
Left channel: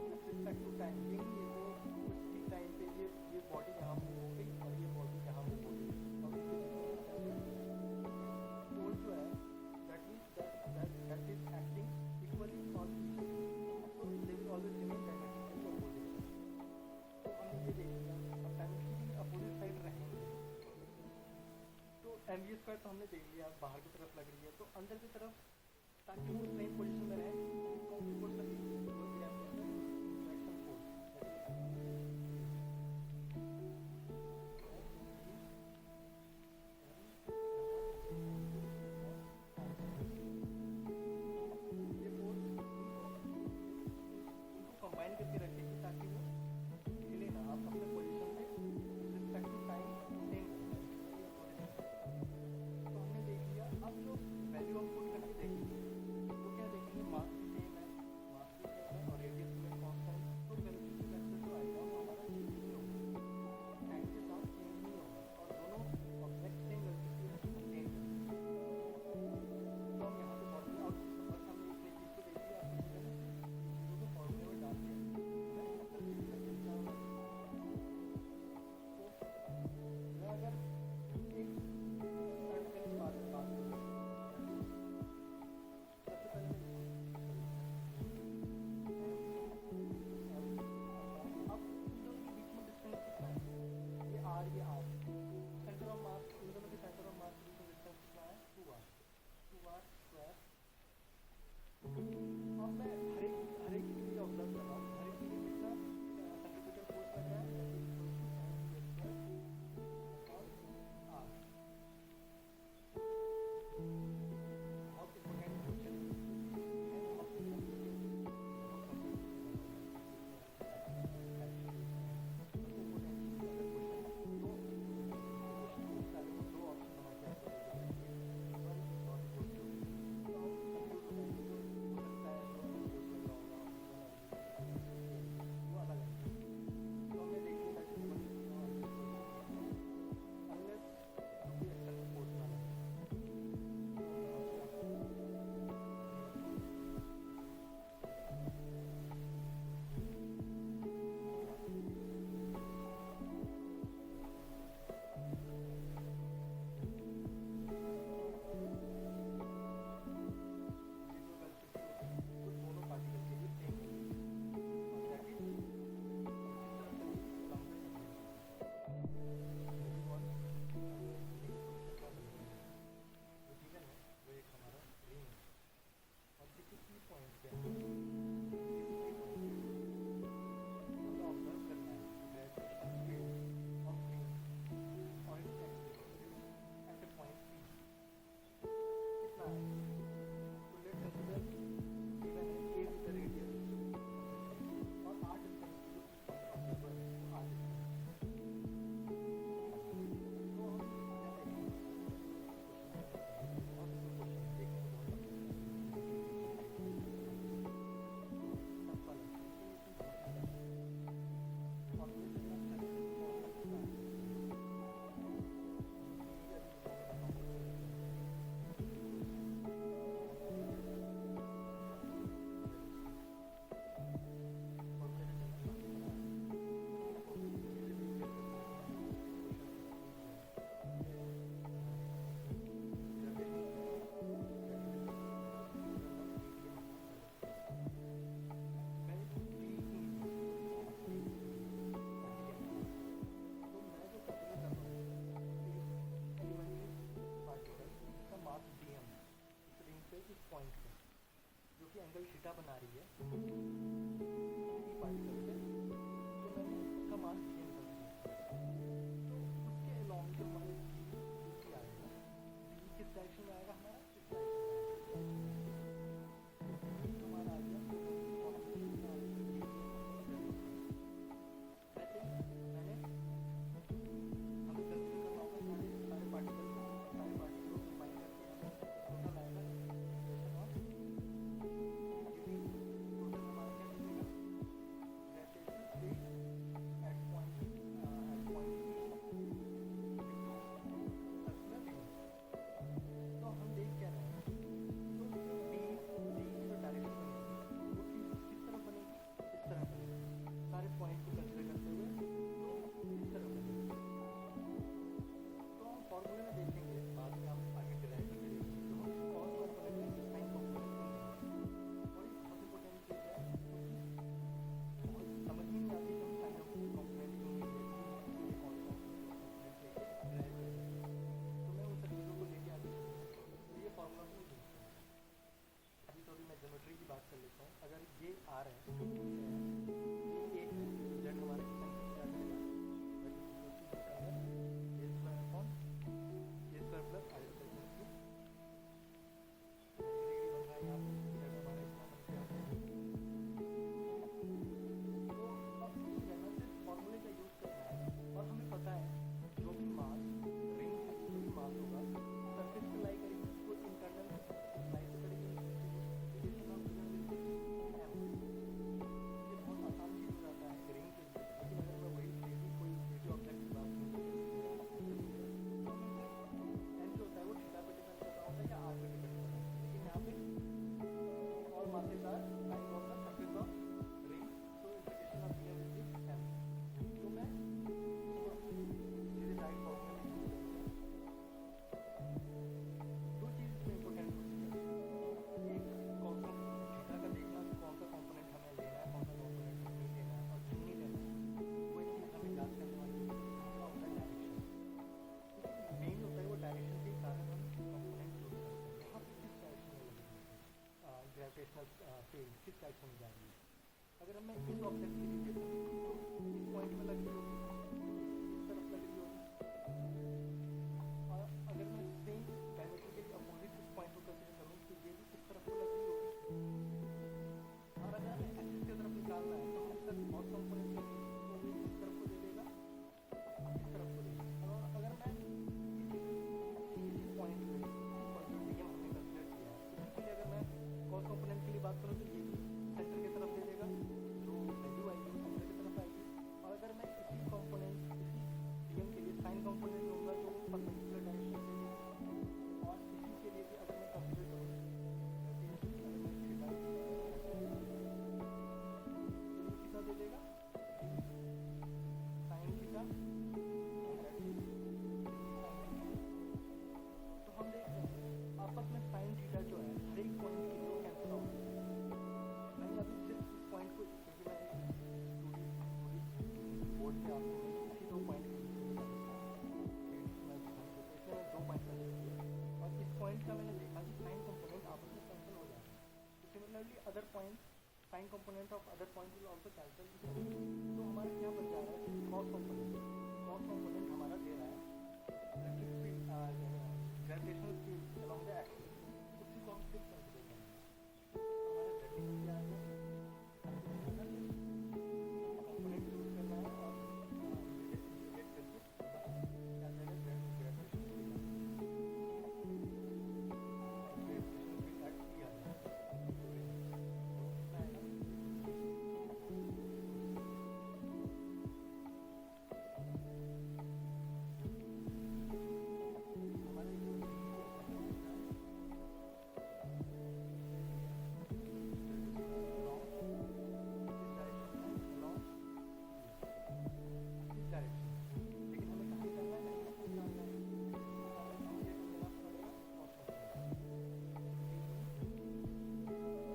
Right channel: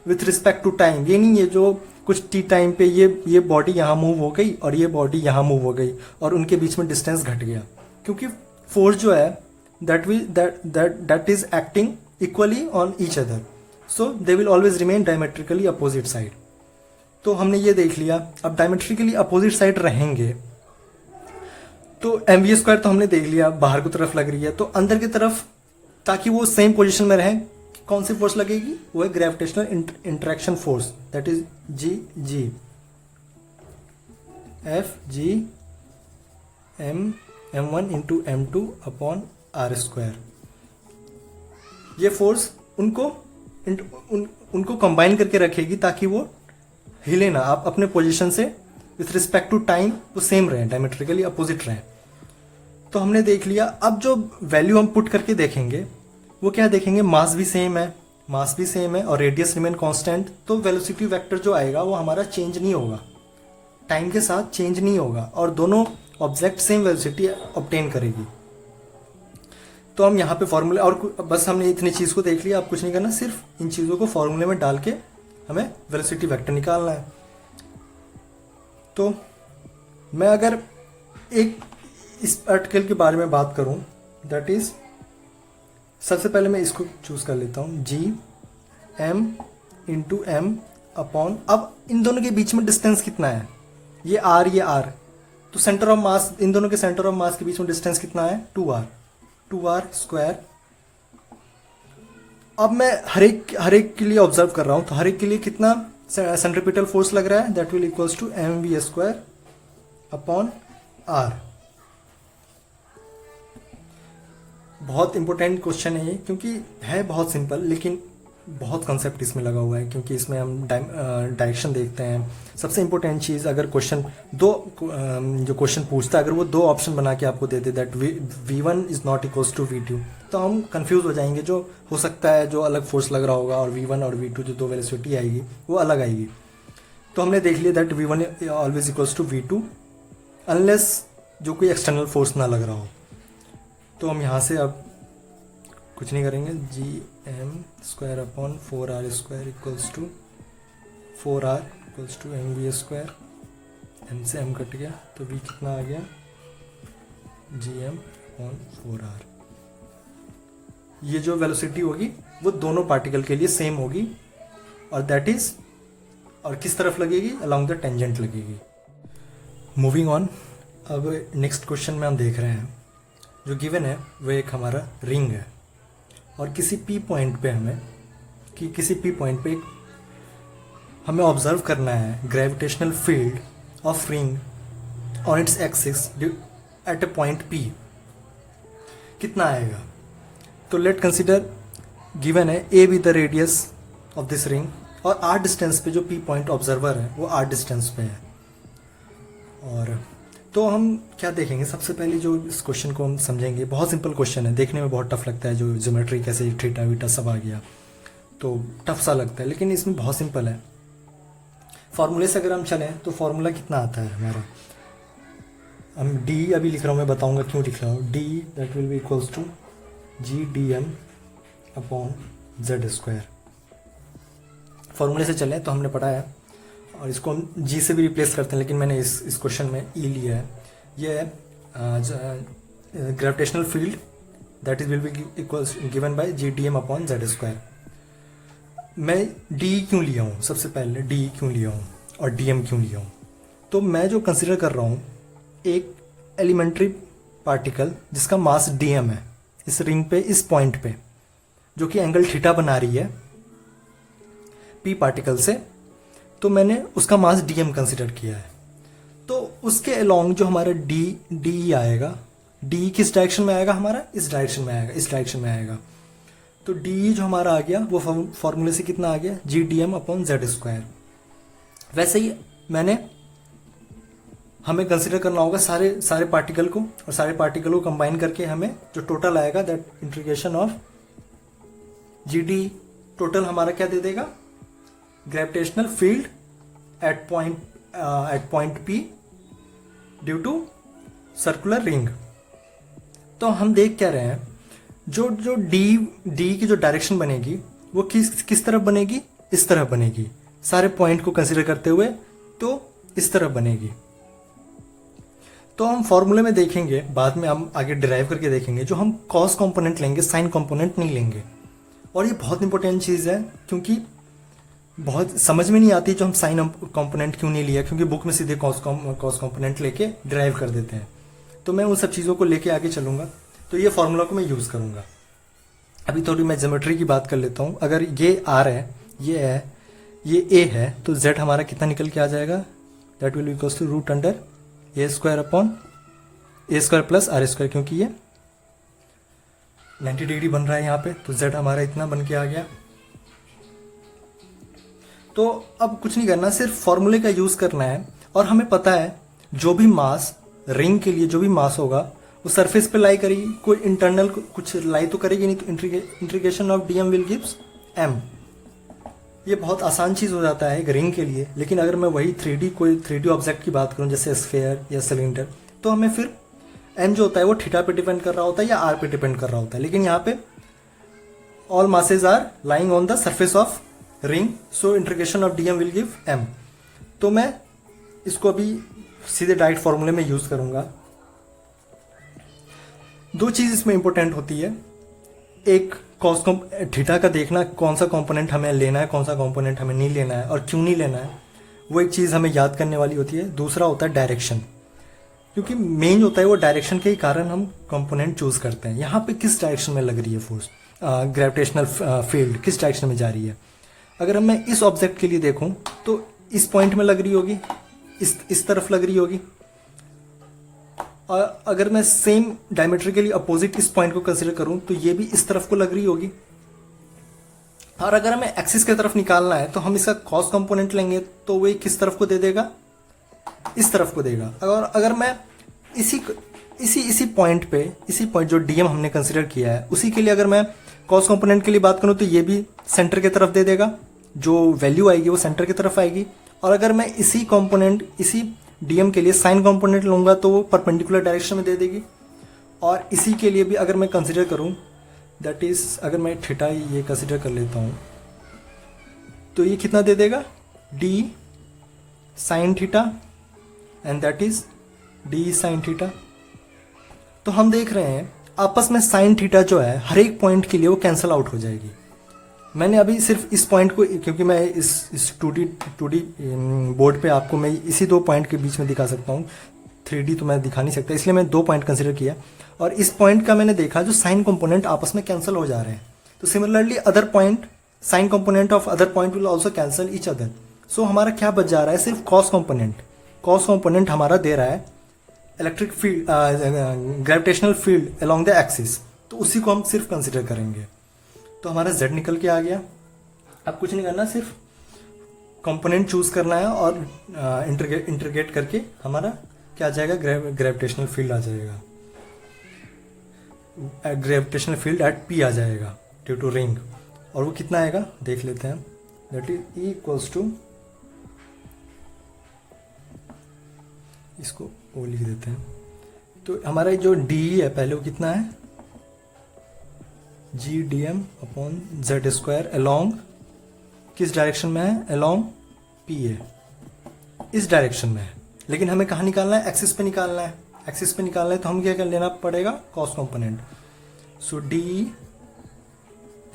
with respect to time। ये नहीं है जो कुछ टी टाइम पे ये बॉडी यहाँ मूव हो गई और ये बॉडी यहाँ मूव हो गई और उनके बीच में डिस्टेंस घट गया, क्योंकि फोर्स जो है that is acting equally on each other, so they will always remain diametrically opposite side. तो हमने ये देख लिया। अब डायमेट्रिकली अपोजिट साइड रहेंगे तो एम वी स्क्वायर तो हमने देख लिया, बाहर की तरफ लग रही है, तो अंदर की तरफ ताकि वो सेम पोजिशन में रहें कौन सी फोर्स लगेगी, वो है gravitational interaction force, that is G F G m1 into m2 upon are square. ये फोर्स उनको कंबाइन करके रखेगी ताकि वो हिले ना, आप अपने पोजीशन से विथ रिस्पेक्ट टू टाइम वो सेम रहे, डायमेट्रिकली अपोजिट रहे। तो हमने देख लिया। अब जो वैल्यू हम पुट करके देखेंगे वो क्या देखेंगे, मास भी सेम है और रेडियस रिमेन कांस्टेंट, तो वेलोसिटी वेक्टर जो आएगा वो हमारा चेंज नहीं होगा, टाइम के साथ चेंज नहीं होगा और दोनों ऑब्जेक्ट सेम वेलोसिटी ऑब्टेन करेगी। तो हम यहाँ पे फॉर्मूले और बस हमने इतनी चीज़ को देख लिया, अब कुछ नहीं करना, सिर्फ इन चीज़ों को फॉर्मूले में डाल के हमें वेलोसिटी वेक्टर निकालना है। तो मैं अगर एक इस आर्टिकल के बारे में बात करूं, दैट इज सबसे पहले मैं इसको चूज कर लेता हूं, G M into M upon, अब इन दोनों के बीच में डिस्टेंस कितना है, ये आर, तो सेंटर ऑफ मास, इन दोनों के सेंटर ऑफ मास के बीच में डिस्टेंस कितना है, 2r स्क्वायर। अब मैं हर एक के लिए ऑब्जर्व कर रहा हूं, तो हर एक के लिए कितना सेंट्रीपिटल फोर्स लग रहा है, that will equals to M V square upon R. बहुत इंपॉर्टेंट क्वेश्चन है ये, क्योंकि है बहुत सिंपल लेकिन बहुत कंसेप्ट इसमें लगा हुआ है, क्योंकि इसमें हम डायरेक्शन देखते हैं। सबसे इंपॉर्टेंट चीज़, अगर क्वेश्चन जो क्वेश्चन पूछता है अगर वो दो ऑप्शन बना के आपको दे दे, that v1 is not equals to v2, तो हम कंफ्यूज हो जाएंगे। जो हो सकता है जो अलग फोर्स लग रहा होगा और v1 और v2 जो दो वेलोसिटी आएगी वो अलग आएगी। तो हमने देख लिया that v1 always equals to v2 unless जो कोई एक्सटर्नल फोर्स ना लग रहा हो। तो हम यहाँ से अब कुछ नहीं करेंगे, G M square upon 4r square equals to 4r equals to M V square, M से एम कट गया तो v कितना आ गया, जी एम अपॉन 4r। ये जो वेलोसिटी होगी वो दोनों पार्टिकल के लिए सेम होगी और दैट इज, और किस तरफ लगेगी, अलोंग द टेंजेंट लगेगी। मूविंग ऑन, अब नेक्स्ट क्वेश्चन में हम देख रहे हैं जो गिवन है वो एक हमारा रिंग है और किसी पी पॉइंट पे हमें ऑब्जर्व करना है gravitational field of ring on its axis at a point P कितना आएगा। तो लेट कंसिडर गिवन है A be the radius of this ring और आर डिस्टेंस पे जो पी पॉइंट ऑब्जर्वर है वो आर डिस्टेंस पे है। और तो हम क्या देखेंगे, सबसे पहले जो इस क्वेश्चन को हम समझेंगे, बहुत सिंपल क्वेश्चन है, देखने में बहुत टफ लगता है, जो ज्योमेट्री कैसे थीटा वीटा सब आ गया तो टफ सा लगता है, लेकिन इसमें बहुत सिंपल है। फॉर्मूले से अगर हम चलें तो फॉर्मूला कितना आता है हमारा, हम डी अभी लिख रहा हूँ, मैं बताऊंगा क्यों लिख रहा हूँ, D that will be equals to G D M upon Z square. फॉर्मूले से चलें तो हमने पढ़ा है और इसको हम जी से भी रिप्लेस करते हैं, लेकिन मैंने इस क्वेश्चन में ई लिया है। ये है gravitational field that is will be equals given by G D M upon Z square. मैं डी क्यों लिया हूँ, सबसे पहले डी क्यों लिया हूँ और डी एम क्यों लिया हूँ, तो मैं जो कंसिडर कर रहा हूँ एक एलिमेंट्री पार्टिकल जिसका मास डी एम है इस रिंग पे, इस पॉइंट पे, जो कि एंगल थीटा बना रही है पी पार्टिकल से, तो मैंने उसका मास डीएम कंसिडर किया है। तो उसके अलोंग जो हमारा डी आएगा, डी किस डायरेक्शन में आएगा हमारा, इस डायरेक्शन में आएगा, इस डायरेक्शन में आएगा। तो डी जो हमारा आ गया वो फॉर्मूले से कितना आ गया, G D M upon Z square. वैसे ही हमें कंसिडर करना होगा सारे पार्टिकल को, और सारे पार्टिकल को कंबाइन करके हमें जो टोटल आएगा that integration of G D total हमारा क्या दे देगा, gravitational field at point P due to circular ring. तो हम देख क्या रहे हैं, जो डी की जो डायरेक्शन बनेगी वो किस तरफ बनेगी, इस तरफ बनेगी। सारे पॉइंट को कंसिडर करते हुए तो इस तरह बनेगी। तो हम फॉर्मूले में देखेंगे, बाद में हम आगे डिराइव करके देखेंगे, जो हम कॉस कंपोनेंट लेंगे, साइन कंपोनेंट नहीं लेंगे। और ये बहुत इंपॉर्टेंट चीज़ है, क्योंकि बहुत समझ में नहीं आती जो हम साइन कंपोनेंट क्यों नहीं लिया, क्योंकि बुक में सीधे कॉस कंपोनेंट लेके डिराइव कर देते हैं। तो मैं उन सब चीज़ों को लेके आगे चलूँगा, तो ये फॉर्मूला को मैं यूज़ करूँगा। अभी थोड़ी मैं ज्योमेट्री की बात कर लेता हूँ। अगर ये आर है, ये है, ये ए है, तो जेड हमारा कितना निकल के आ जाएगा, that will equals to root under A square upon A square plus are square, क्योंकि ये 90 डिग्री बन रहा है यहाँ पे, तो जेड हमारा इतना बन के आ गया। तो अब कुछ नहीं करना, सिर्फ फॉर्मूले का यूज़ करना है। और हमें पता है जो भी मास, रिंग के लिए जो भी मास होगा वो सरफेस पे लाई करेगी, कोई इंटरनल कुछ लाई तो करेगी नहीं, तो integration of DM will gives M. ये बहुत आसान चीज़ हो जाता है एक रिंग के लिए। लेकिन अगर मैं वही 3D कोई 3D ऑब्जेक्ट की बात करूँ, जैसे स्फेयर या सिलेंडर, तो हमें फिर एम जो होता है वो थीटा पे डिपेंड कर रहा होता है या आर पे डिपेंड कर रहा होता है। लेकिन यहाँ पे all masses are lying on the surface of ring, so integration of DM will give M. तो मैं इसको अभी सीधे डायरेक्ट फॉर्मूले में यूज़ करूँगा। दो चीज़ इसमें इंपॉर्टेंट होती है, एक कॉस थीटा का देखना, कौन सा कंपोनेंट हमें लेना है, कौन सा कंपोनेंट हमें नहीं लेना है और क्यों नहीं लेना है, वो एक चीज़ हमें याद करने वाली होती है। दूसरा होता है डायरेक्शन, क्योंकि मेन होता है वो डायरेक्शन के ही कारण हम कंपोनेंट चूज़ करते हैं। यहाँ पे किस डायरेक्शन में लग रही है फोर्स, ग्रेविटेशनल फील्ड किस डायरेक्शन में जा रही है। अगर मैं इस ऑब्जेक्ट के लिए देखूँ तो इस पॉइंट में लग रही होगी, इस तरफ लग रही होगी। और अगर मैं सेम डायमेट्रिकली अपोजिट इस पॉइंट को कंसीडर करूं तो ये भी इस तरफ को लग रही होगी। और अगर हमें एक्सिस की तरफ निकालना है तो हम इसका कॉस कंपोनेंट लेंगे, तो वो किस तरफ को दे देगा, इस तरफ को देगा। और अगर मैं इसी पॉइंट पे, इसी पॉइंट जो डीएम हमने कंसीडर किया है उसी के लिए अगर मैं कॉस कंपोनेंट के लिए बात करूं तो ये भी सेंटर की तरफ दे देगा, जो वैल्यू आएगी वो सेंटर की तरफ आएगी। और अगर मैं इसी कंपोनेंट, इसी डीएम के लिए साइन कंपोनेंट लूंगा तो वो परपेंडिकुलर डायरेक्शन में दे देगी। और इसी के लिए भी अगर मैं कंसीडर करूं, दैट इज अगर मैं थीटा ये कंसीडर कर लेता हूं, तो ये कितना दे देगा, D sine theta, and that is D sine theta. तो हम देख रहे हैं आपस में साइन थीटा जो है हर एक पॉइंट के लिए वो कैंसल आउट हो जाएगी। मैंने अभी सिर्फ इस पॉइंट को, क्योंकि मैं इस 2D बोर्ड पे आपको मैं इसी दो पॉइंट के बीच में दिखा सकता हूँ, 3D तो मैं दिखा नहीं सकता, इसलिए मैं दो पॉइंट कंसीडर किया। और इस पॉइंट का मैंने देखा जो साइन कंपोनेंट आपस में कैंसिल हो जा रहे हैं। तो similarly other point, sine component of other point will also cancel each other. So हमारा क्या बच जा रहा है, सिर्फ कॉस कंपोनेंट। कॉस कंपोनेंट हमारा दे रहा है electric field, gravitational field along the axis, तो उसी को हम सिर्फ कंसिडर करेंगे। तो हमारा z निकल के आ गया। अब कुछ नहीं करना, सिर्फ कंपोनेंट चूज करना है और इंटीग्रेट करके हमारा क्या आ जाएगा, ग्रेविटेशनल फील्ड आ जाएगा, ग्रेविटेशनल फील्ड एट p आ जाएगा ड्यू टू रिंग। और वो कितना आएगा देख लेते हैं, that is E equals to, इसको वो लिख देते हैं। तो हमारा जो डी है पहले वो कितना है, G D M upon Z square along, किस डायरेक्शन में है, अलोंग पी ए, इस डायरेक्शन में है। लेकिन हमें कहाँ निकालना है, एक्सिस पे निकालना है। एक्सिस पे निकालना है तो हम क्या कर लेना पड़ेगा, cos component. So D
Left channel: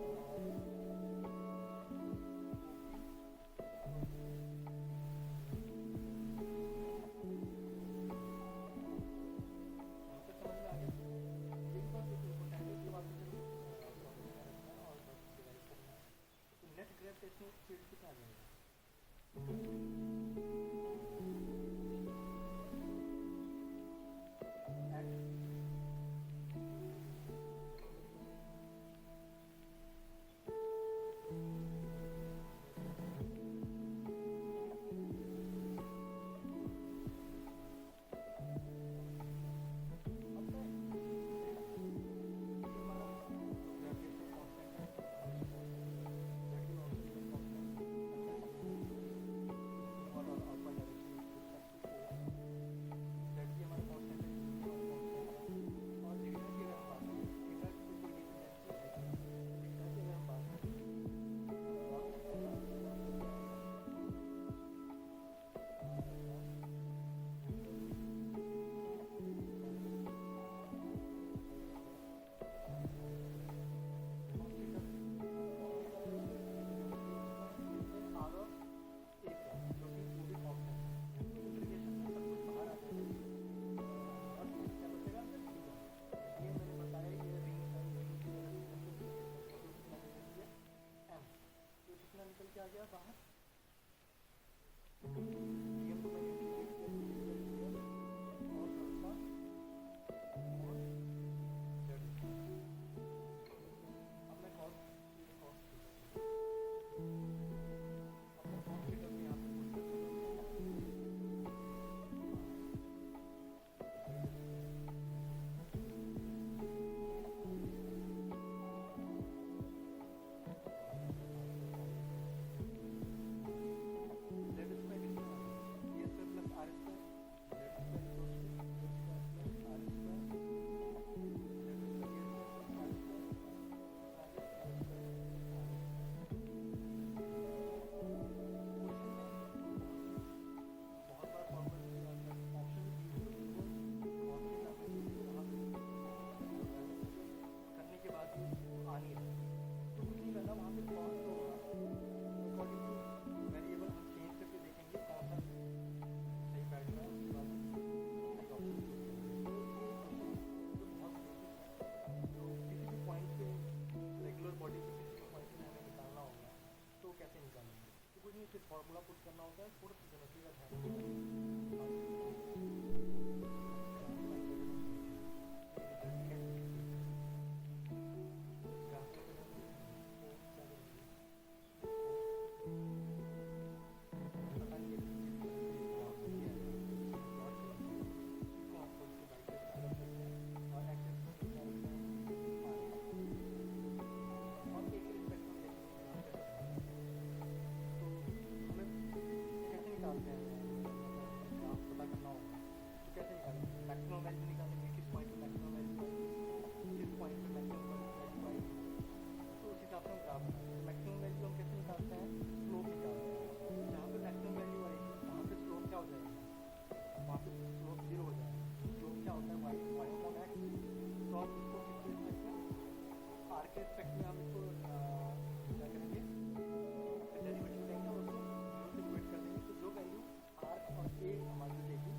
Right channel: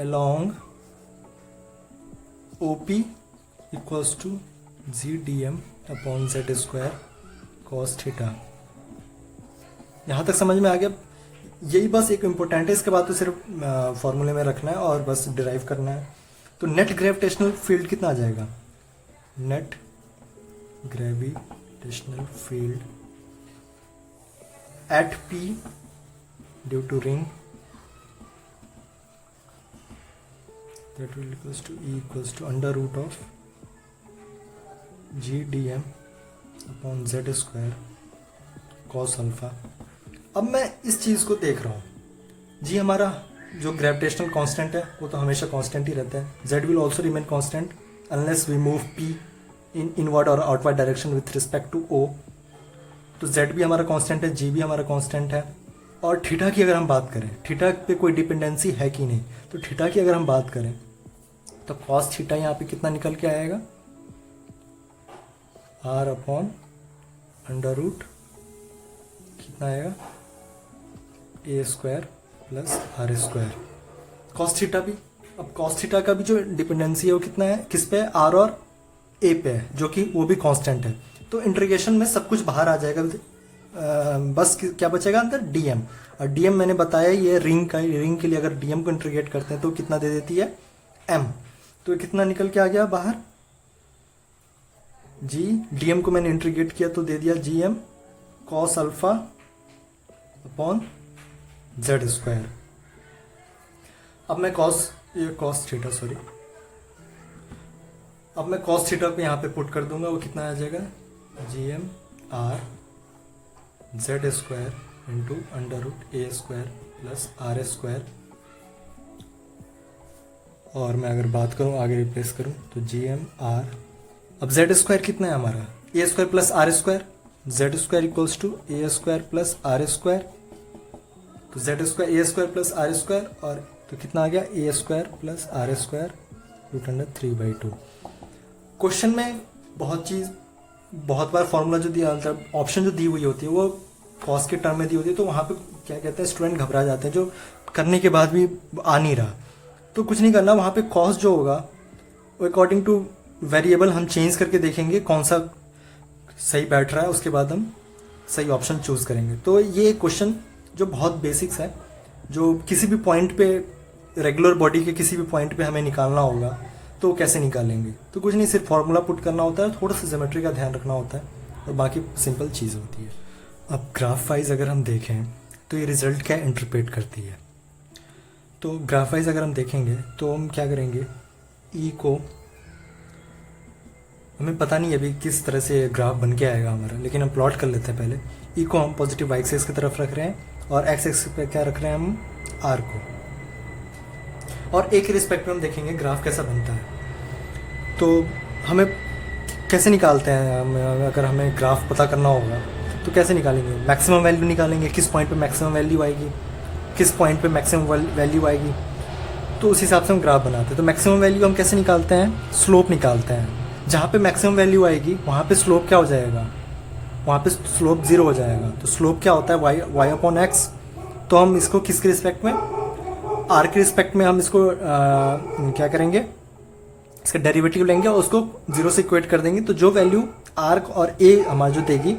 along O P equals to G D M upon Z square cos theta. यहाँ तक समझ में आ गया। यही बस एक इम्पोर्टेंट है, इसके बाद तो सिर्फ फॉर्मूले में रखना है और बस डिराइव करना है। तो नेट ग्रेविटेशनल फील्ड कितना आ जाएगा, net gravitational field at P due to ring, that will equals to E equals to under root of G D M upon Z square cos alpha. अब मैं इस चीज़ को देख रहा हूँ जी, हमारा जो ग्रेविटेशनल कांस्टेंट है वो तो हमेशा कांस्टेंट ही रहता है। z will also remain constant unless we move p in inward और outward direction with respect to o। तो z भी हमारा कांस्टेंट है, g भी हमारा कांस्टेंट है। और थीटा की अगर हम बात करें, थीटा पे कोई डिपेंडेंसी है कि नहीं, तो थीटा की अगर हम बात करें तो कॉस थीटा यहाँ पे कितना निकल के आएगा, आर अपॉन अंडर रूट कितना आएगा a square plus are square cos theta भी। अब कॉस थीटा का भी जो डिपेंडेंसी है वो कितना है, किस पे है, आर और ए पे है, जो कि वो भी कांस्टेंट है। तो इंटीग्रेशन में सब कुछ बाहर आ जाएगा, बस क्या बचेगा अंदर, डीएम। और डीएम मैंने बताया ये रिंग के लिए अगर डीएम को इंटीग्रेट करते हैं तो कितना दे देती है, एम। तो कितना निकल के आ गया बाहर, जी डीएम को मैंने इंटीग्रेट किया तो दे दिया G M cos alpha upon Z square. अब मैं कॉस थीटा सॉरी, अब मैं कॉस थीटा पे यहाँ पे पुट कर दूंगा, वो कितना आ जाएगा, G M r z square into under root a square plus are square. और मैं अगर बात करूँ आगे रिप्लेस करूँ तो जी एम आर, अब जेड स्क्वायर कितना है हमारा, a square plus are square, z square equals to A square plus are square. तो z square a square plus are square, और तो कितना आ गया a square plus are square root under 3/2। Question में बहुत बार फॉर्मूला जो दिया होता है, ऑप्शन जो दी हुई होती है वो कॉस के टर्म में दी होती है, तो वहाँ पे क्या कहते हैं स्टूडेंट घबरा जाते हैं, जो करने के बाद भी आ नहीं रहा। तो कुछ नहीं करना, वहाँ पे कॉस जो होगा वो अकॉर्डिंग टू वेरिएबल हम चेंज करके देखेंगे कौन सा सही बैठ रहा है, उसके बाद हम सही ऑप्शन चूज करेंगे। तो ये क्वेश्चन जो बहुत बेसिक्स है, जो किसी भी पॉइंट पे रेगुलर बॉडी के किसी भी पॉइंट पे हमें निकालना होगा तो कैसे निकालेंगे, तो कुछ नहीं, सिर्फ फॉर्मूला पुट करना होता है, थोड़ा सा ज्योमेट्री का ध्यान रखना होता है और बाकी सिंपल चीज़ होती है। अब ग्राफ वाइज अगर हम देखें तो ये रिजल्ट क्या इंटरप्रेट करती है, तो ग्राफ वाइज अगर हम देखेंगे तो हम क्या करेंगे, ई को हमें पता नहीं अभी किस तरह से ग्राफ बन के आएगा हमारा, लेकिन हम प्लॉट कर लेते हैं पहले। ई को हम पॉजिटिव वाई एक्सिस की तरफ रख रहे हैं और एक्स एक्सिस पे क्या रख रहे हैं हम, आर को, और एक रिस्पेक्ट में हम देखेंगे ग्राफ कैसा बनता है। तो हमें कैसे निकालते हैं, अगर हमें ग्राफ पता करना होगा तो कैसे निकालेंगे, मैक्सिमम वैल्यू निकालेंगे, किस पॉइंट पे मैक्सिमम वैल्यू आएगी, किस पॉइंट पे मैक्सिमम वैल्यू आएगी, तो उस हिसाब से हम ग्राफ बनाते हैं। तो मैक्सिमम वैल्यू हम कैसे निकालते हैं, स्लोप निकालते हैं, जहाँ पे मैक्सिमम वैल्यू आएगी वहाँ पे स्लोप क्या हो जाएगा, वहाँ पे स्लोप 0 हो जाएगा। तो स्लोप क्या होता है, वाई अपॉन एक्स। तो हम इसको किसके रिस्पेक्ट में, आर के रिस्पेक्ट में हम इसको क्या करेंगे, इसका डेरिवेटिव लेंगे और उसको 0 से इक्वेट कर देंगे। तो जो वैल्यू आर और ए हमारा जो देगी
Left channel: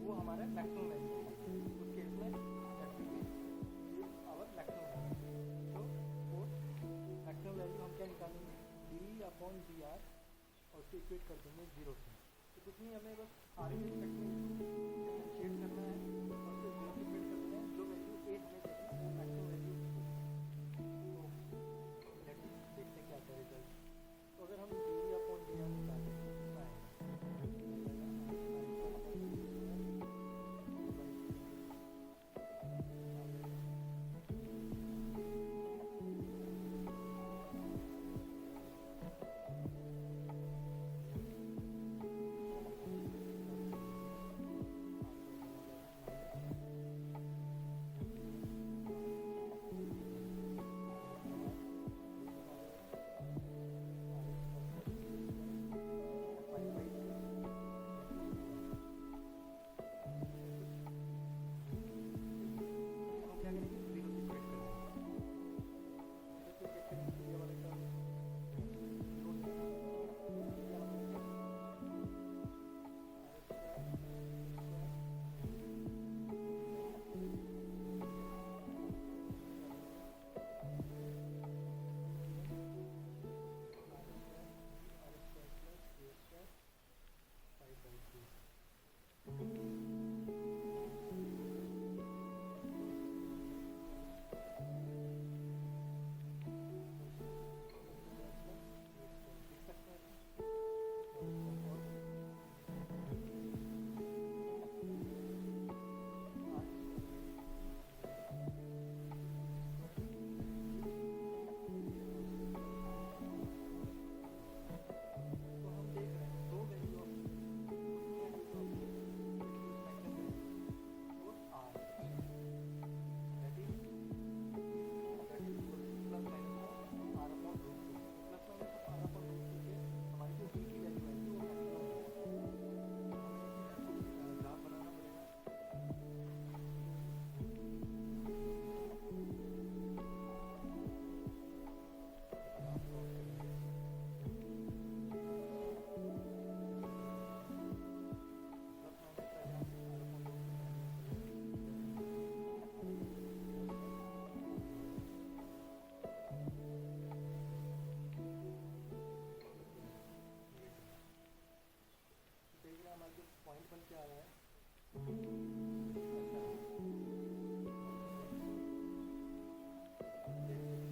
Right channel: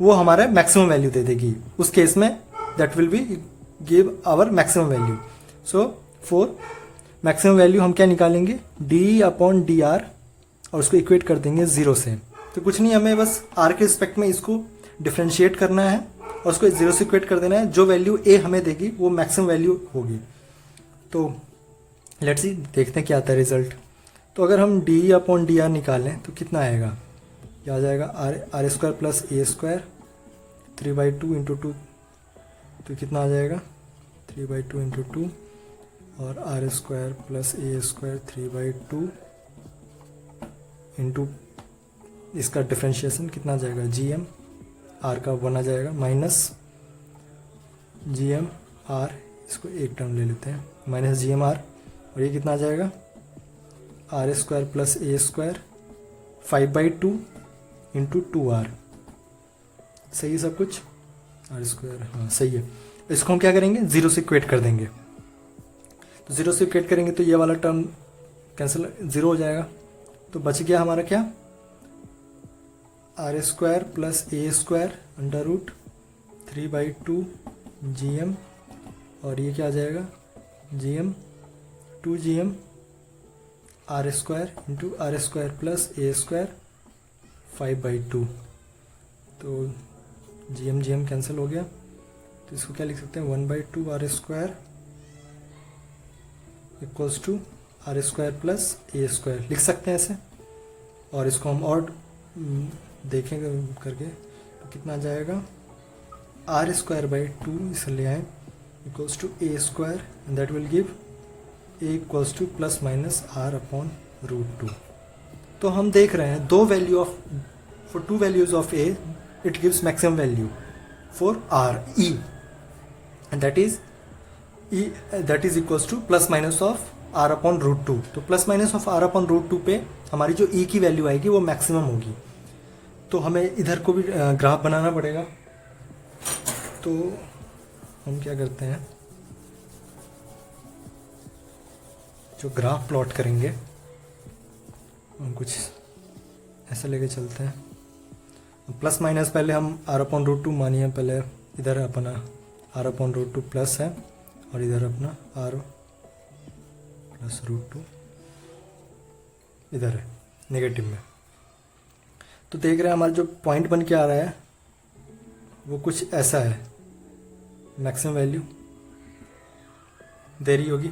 वो हमारा मैक्सिमम वैल्यू दे देगी, उस केस में that will be give our maximum value. So for maximum value हम क्या निकालेंगे, डी अपॉन डी आर, और उसको इक्वेट कर देंगे 0 से। तो कुछ नहीं, हमें बस आर के रिस्पेक्ट में इसको डिफ्रेंशिएट करना है और उसको 0 से इक्वेट कर देना है, जो वैल्यू ए हमें देगी वो मैक्सिमम वैल्यू होगी। तो लेट्स सी देखते हैं क्या आता है रिजल्ट। तो अगर हम डी अपॉन डी आर निकालें तो कितना आएगा, क्या आ जाएगा, R square plus A square 3/2 into 2, तो कितना आ जाएगा 3/2 इंटू 2, और R square plus A square 3/2 into इसका डिफ्रेंशिएशन कितना आ जाएगा, जी एम आर का 1 आ जाएगा, माइनस जी एम आर, इसको एक टर्म ले लेते हैं, माइनस जी एम आर, और ये कितना आ जाएगा, R square plus A square 5/2 into 2r। सही है सब कुछ, आर स्क्वायर, हाँ सही है। इसको हम क्या करेंगे, 0 से इक्वेट कर देंगे। तो 0 से इक्वेट करेंगे तो ये वाला टर्म कैंसिल, 0 हो जाएगा। तो बच गया हमारा क्या, R square plus A square under root 3/2 G M, और ये क्या आ जाएगा, G M 2 G M R square into R square plus A square 5/2। तो जी एम कैंसिल हो गया, तो इसको क्या लिख सकते हैं, 1/2 R square equals to R square plus A square लिख सकते हैं ऐसे। और इसको हम और देखेंगे करके तो कितना आ जाएगा, आर स्क्वायर बाई 2 इसे ले आए equals to A square, and that will give A equals to plus minus R upon root 2। तो हम देख रहे हैं दो value of, for 2 values of A it gives maximum value for R E, and that is equals to plus minus of R upon root 2। तो plus minus of R upon root 2 पे हमारी जो ई की वैल्यू आएगी वो maximum होगी। तो हमें इधर को भी ग्राफ बनाना पड़ेगा। तो हम क्या करते हैं, जो ग्राफ प्लॉट करेंगे हम कुछ ऐसा लेके चलते हैं। प्लस माइनस पहले हम r/√2 मानिए, पहले इधर अपना r/√2 प्लस है और इधर अपना r+√2 इधर है नेगेटिव में। तो देख रहे हैं हमारा जो पॉइंट बन के आ रहा है वो कुछ ऐसा है, मैक्सिमम वैल्यू देरी होगी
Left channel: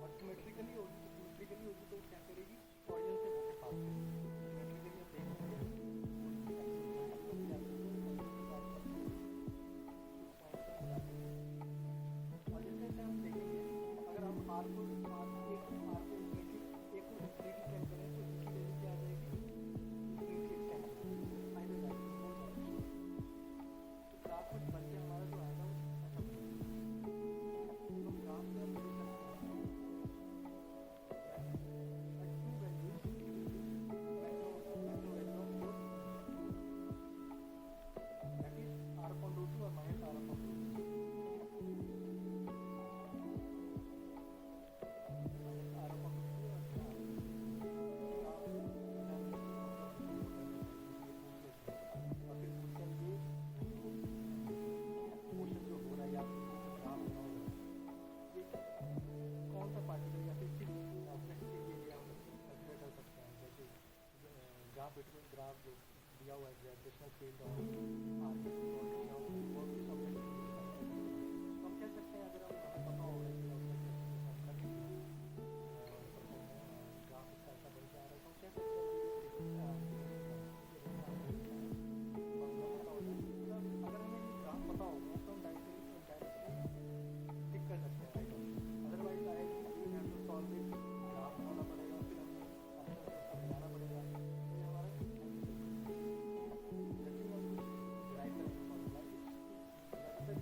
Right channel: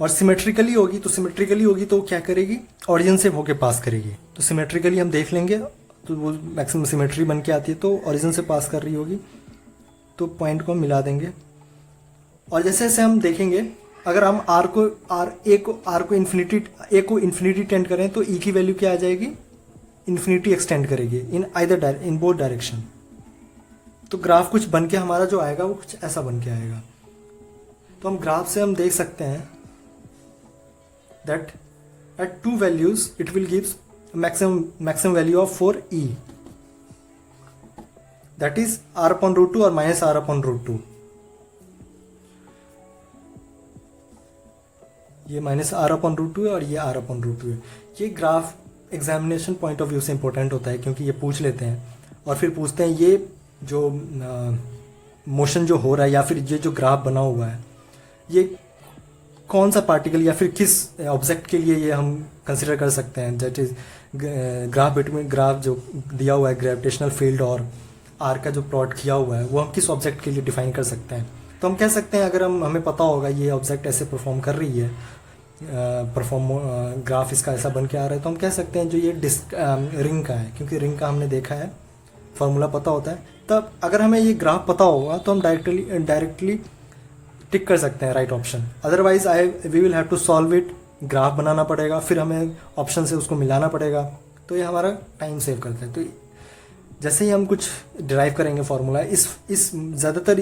और सिमेट्रिकली होगी। तो सिमेट्रिकली होगी तो क्या करेगी, ओरिजिन से होके पास करेगी। तो सिमेट्रिकली हम देख लेंगे तो वो मैक्सिमम सिमेट्री बन के आती है, तो ओरिजिन से पास कर रही होगी, तो पॉइंट को हम मिला देंगे। और जैसे जैसे हम देखेंगे, अगर हम आर को इन्फिनिटी टेंड करें तो ई की वैल्यू क्या आ जाएगी, इन्फिनिटी एक्सटेंड करेगी इन बोथ डायरेक्शन। तो ग्राफ कुछ बन के हमारा जो आएगा वो कुछ ऐसा बन के आएगा। तो हम ग्राफ से हम देख सकते हैं that at 2 values it will gives maximum value of 4e, that is r/√2 और minus r/√2। ये माइनस r/√2 है और ये r/√2 है। ये graph examination point of view से इंपॉर्टेंट होता है, क्योंकि ये पूछ लेते हैं और फिर पूछते हैं ये जो मोशन जो हो रहा है या फिर ये जो ग्राफ बना हुआ है ये कौन सा पार्टिकल या फिर किस ऑब्जेक्ट के लिए ये हम कंसिडर कर सकते हैं। दैट इज ग्राफ जो दिया हुआ है ग्रेविटेशनल फील्ड और आर का जो प्लॉट किया हुआ है वो हम किस ऑब्जेक्ट के लिए डिफाइन कर सकते हैं। तो हम कह सकते हैं, अगर हमें पता होगा ये ऑब्जेक्ट ऐसे परफॉर्म कर रही है, ग्राफ इसका ऐसा बन के आ रहा है, तो हम कह सकते हैं जो ये रिंग का है, क्योंकि रिंग का हमने देखा है, फॉर्मूला पता होता है। तब अगर हमें ये ग्राफ पता होगा तो हम डायरेक्टली टिक कर सकते हैं right option. Otherwise we will have to solve it, graph बनाना पड़ेगा, फिर हमें ऑप्शन से उसको मिलाना पड़ेगा, तो ये हमारा टाइम सेव करता है। तो जैसे ही हम कुछ डिराइव करेंगे फार्मूला, इस ज़्यादातर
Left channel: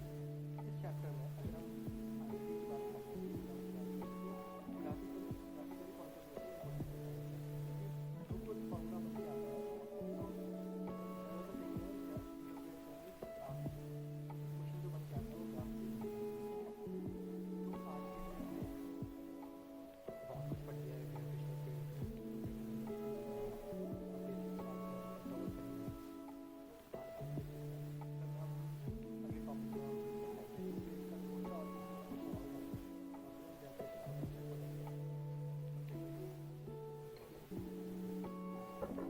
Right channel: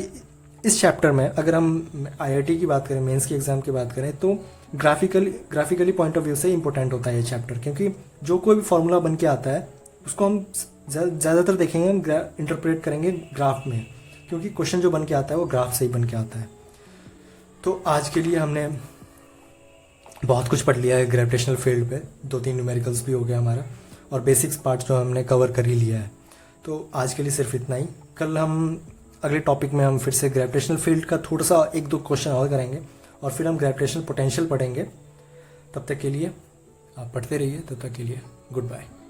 इस चैप्टर में अगर हम IIT की बात करें, मेंस की एग्ज़ाम की बात करें, तो ग्राफिकली पॉइंट ऑफ व्यू से इंपॉर्टेंट होता है ये चैप्टर, क्योंकि जो कोई भी फार्मूला बन के आता है उसको हम ज़्यादातर देखेंगे, हम इंटरप्रेट करेंगे ग्राफ में, क्योंकि क्वेश्चन जो बन के आता है वो ग्राफ से ही बन के आता है। तो आज के लिए हमने बहुत कुछ पढ़ लिया है ग्रेविटेशनल फील्ड पे, 2-3 न्यूमेरिकल्स भी हो गया हमारा, और बेसिक्स पार्ट जो हमने कवर कर ही लिया है। तो आज के लिए सिर्फ इतना ही। कल हम अगले टॉपिक में हम फिर से ग्रेविटेशनल फील्ड का थोड़ा सा 1-2 क्वेश्चन और करेंगे और फिर हम ग्रेविटेशनल पोटेंशियल पढ़ेंगे। तब तक के लिए आप पढ़ते रहिए, तब तक के लिए गुड बाय।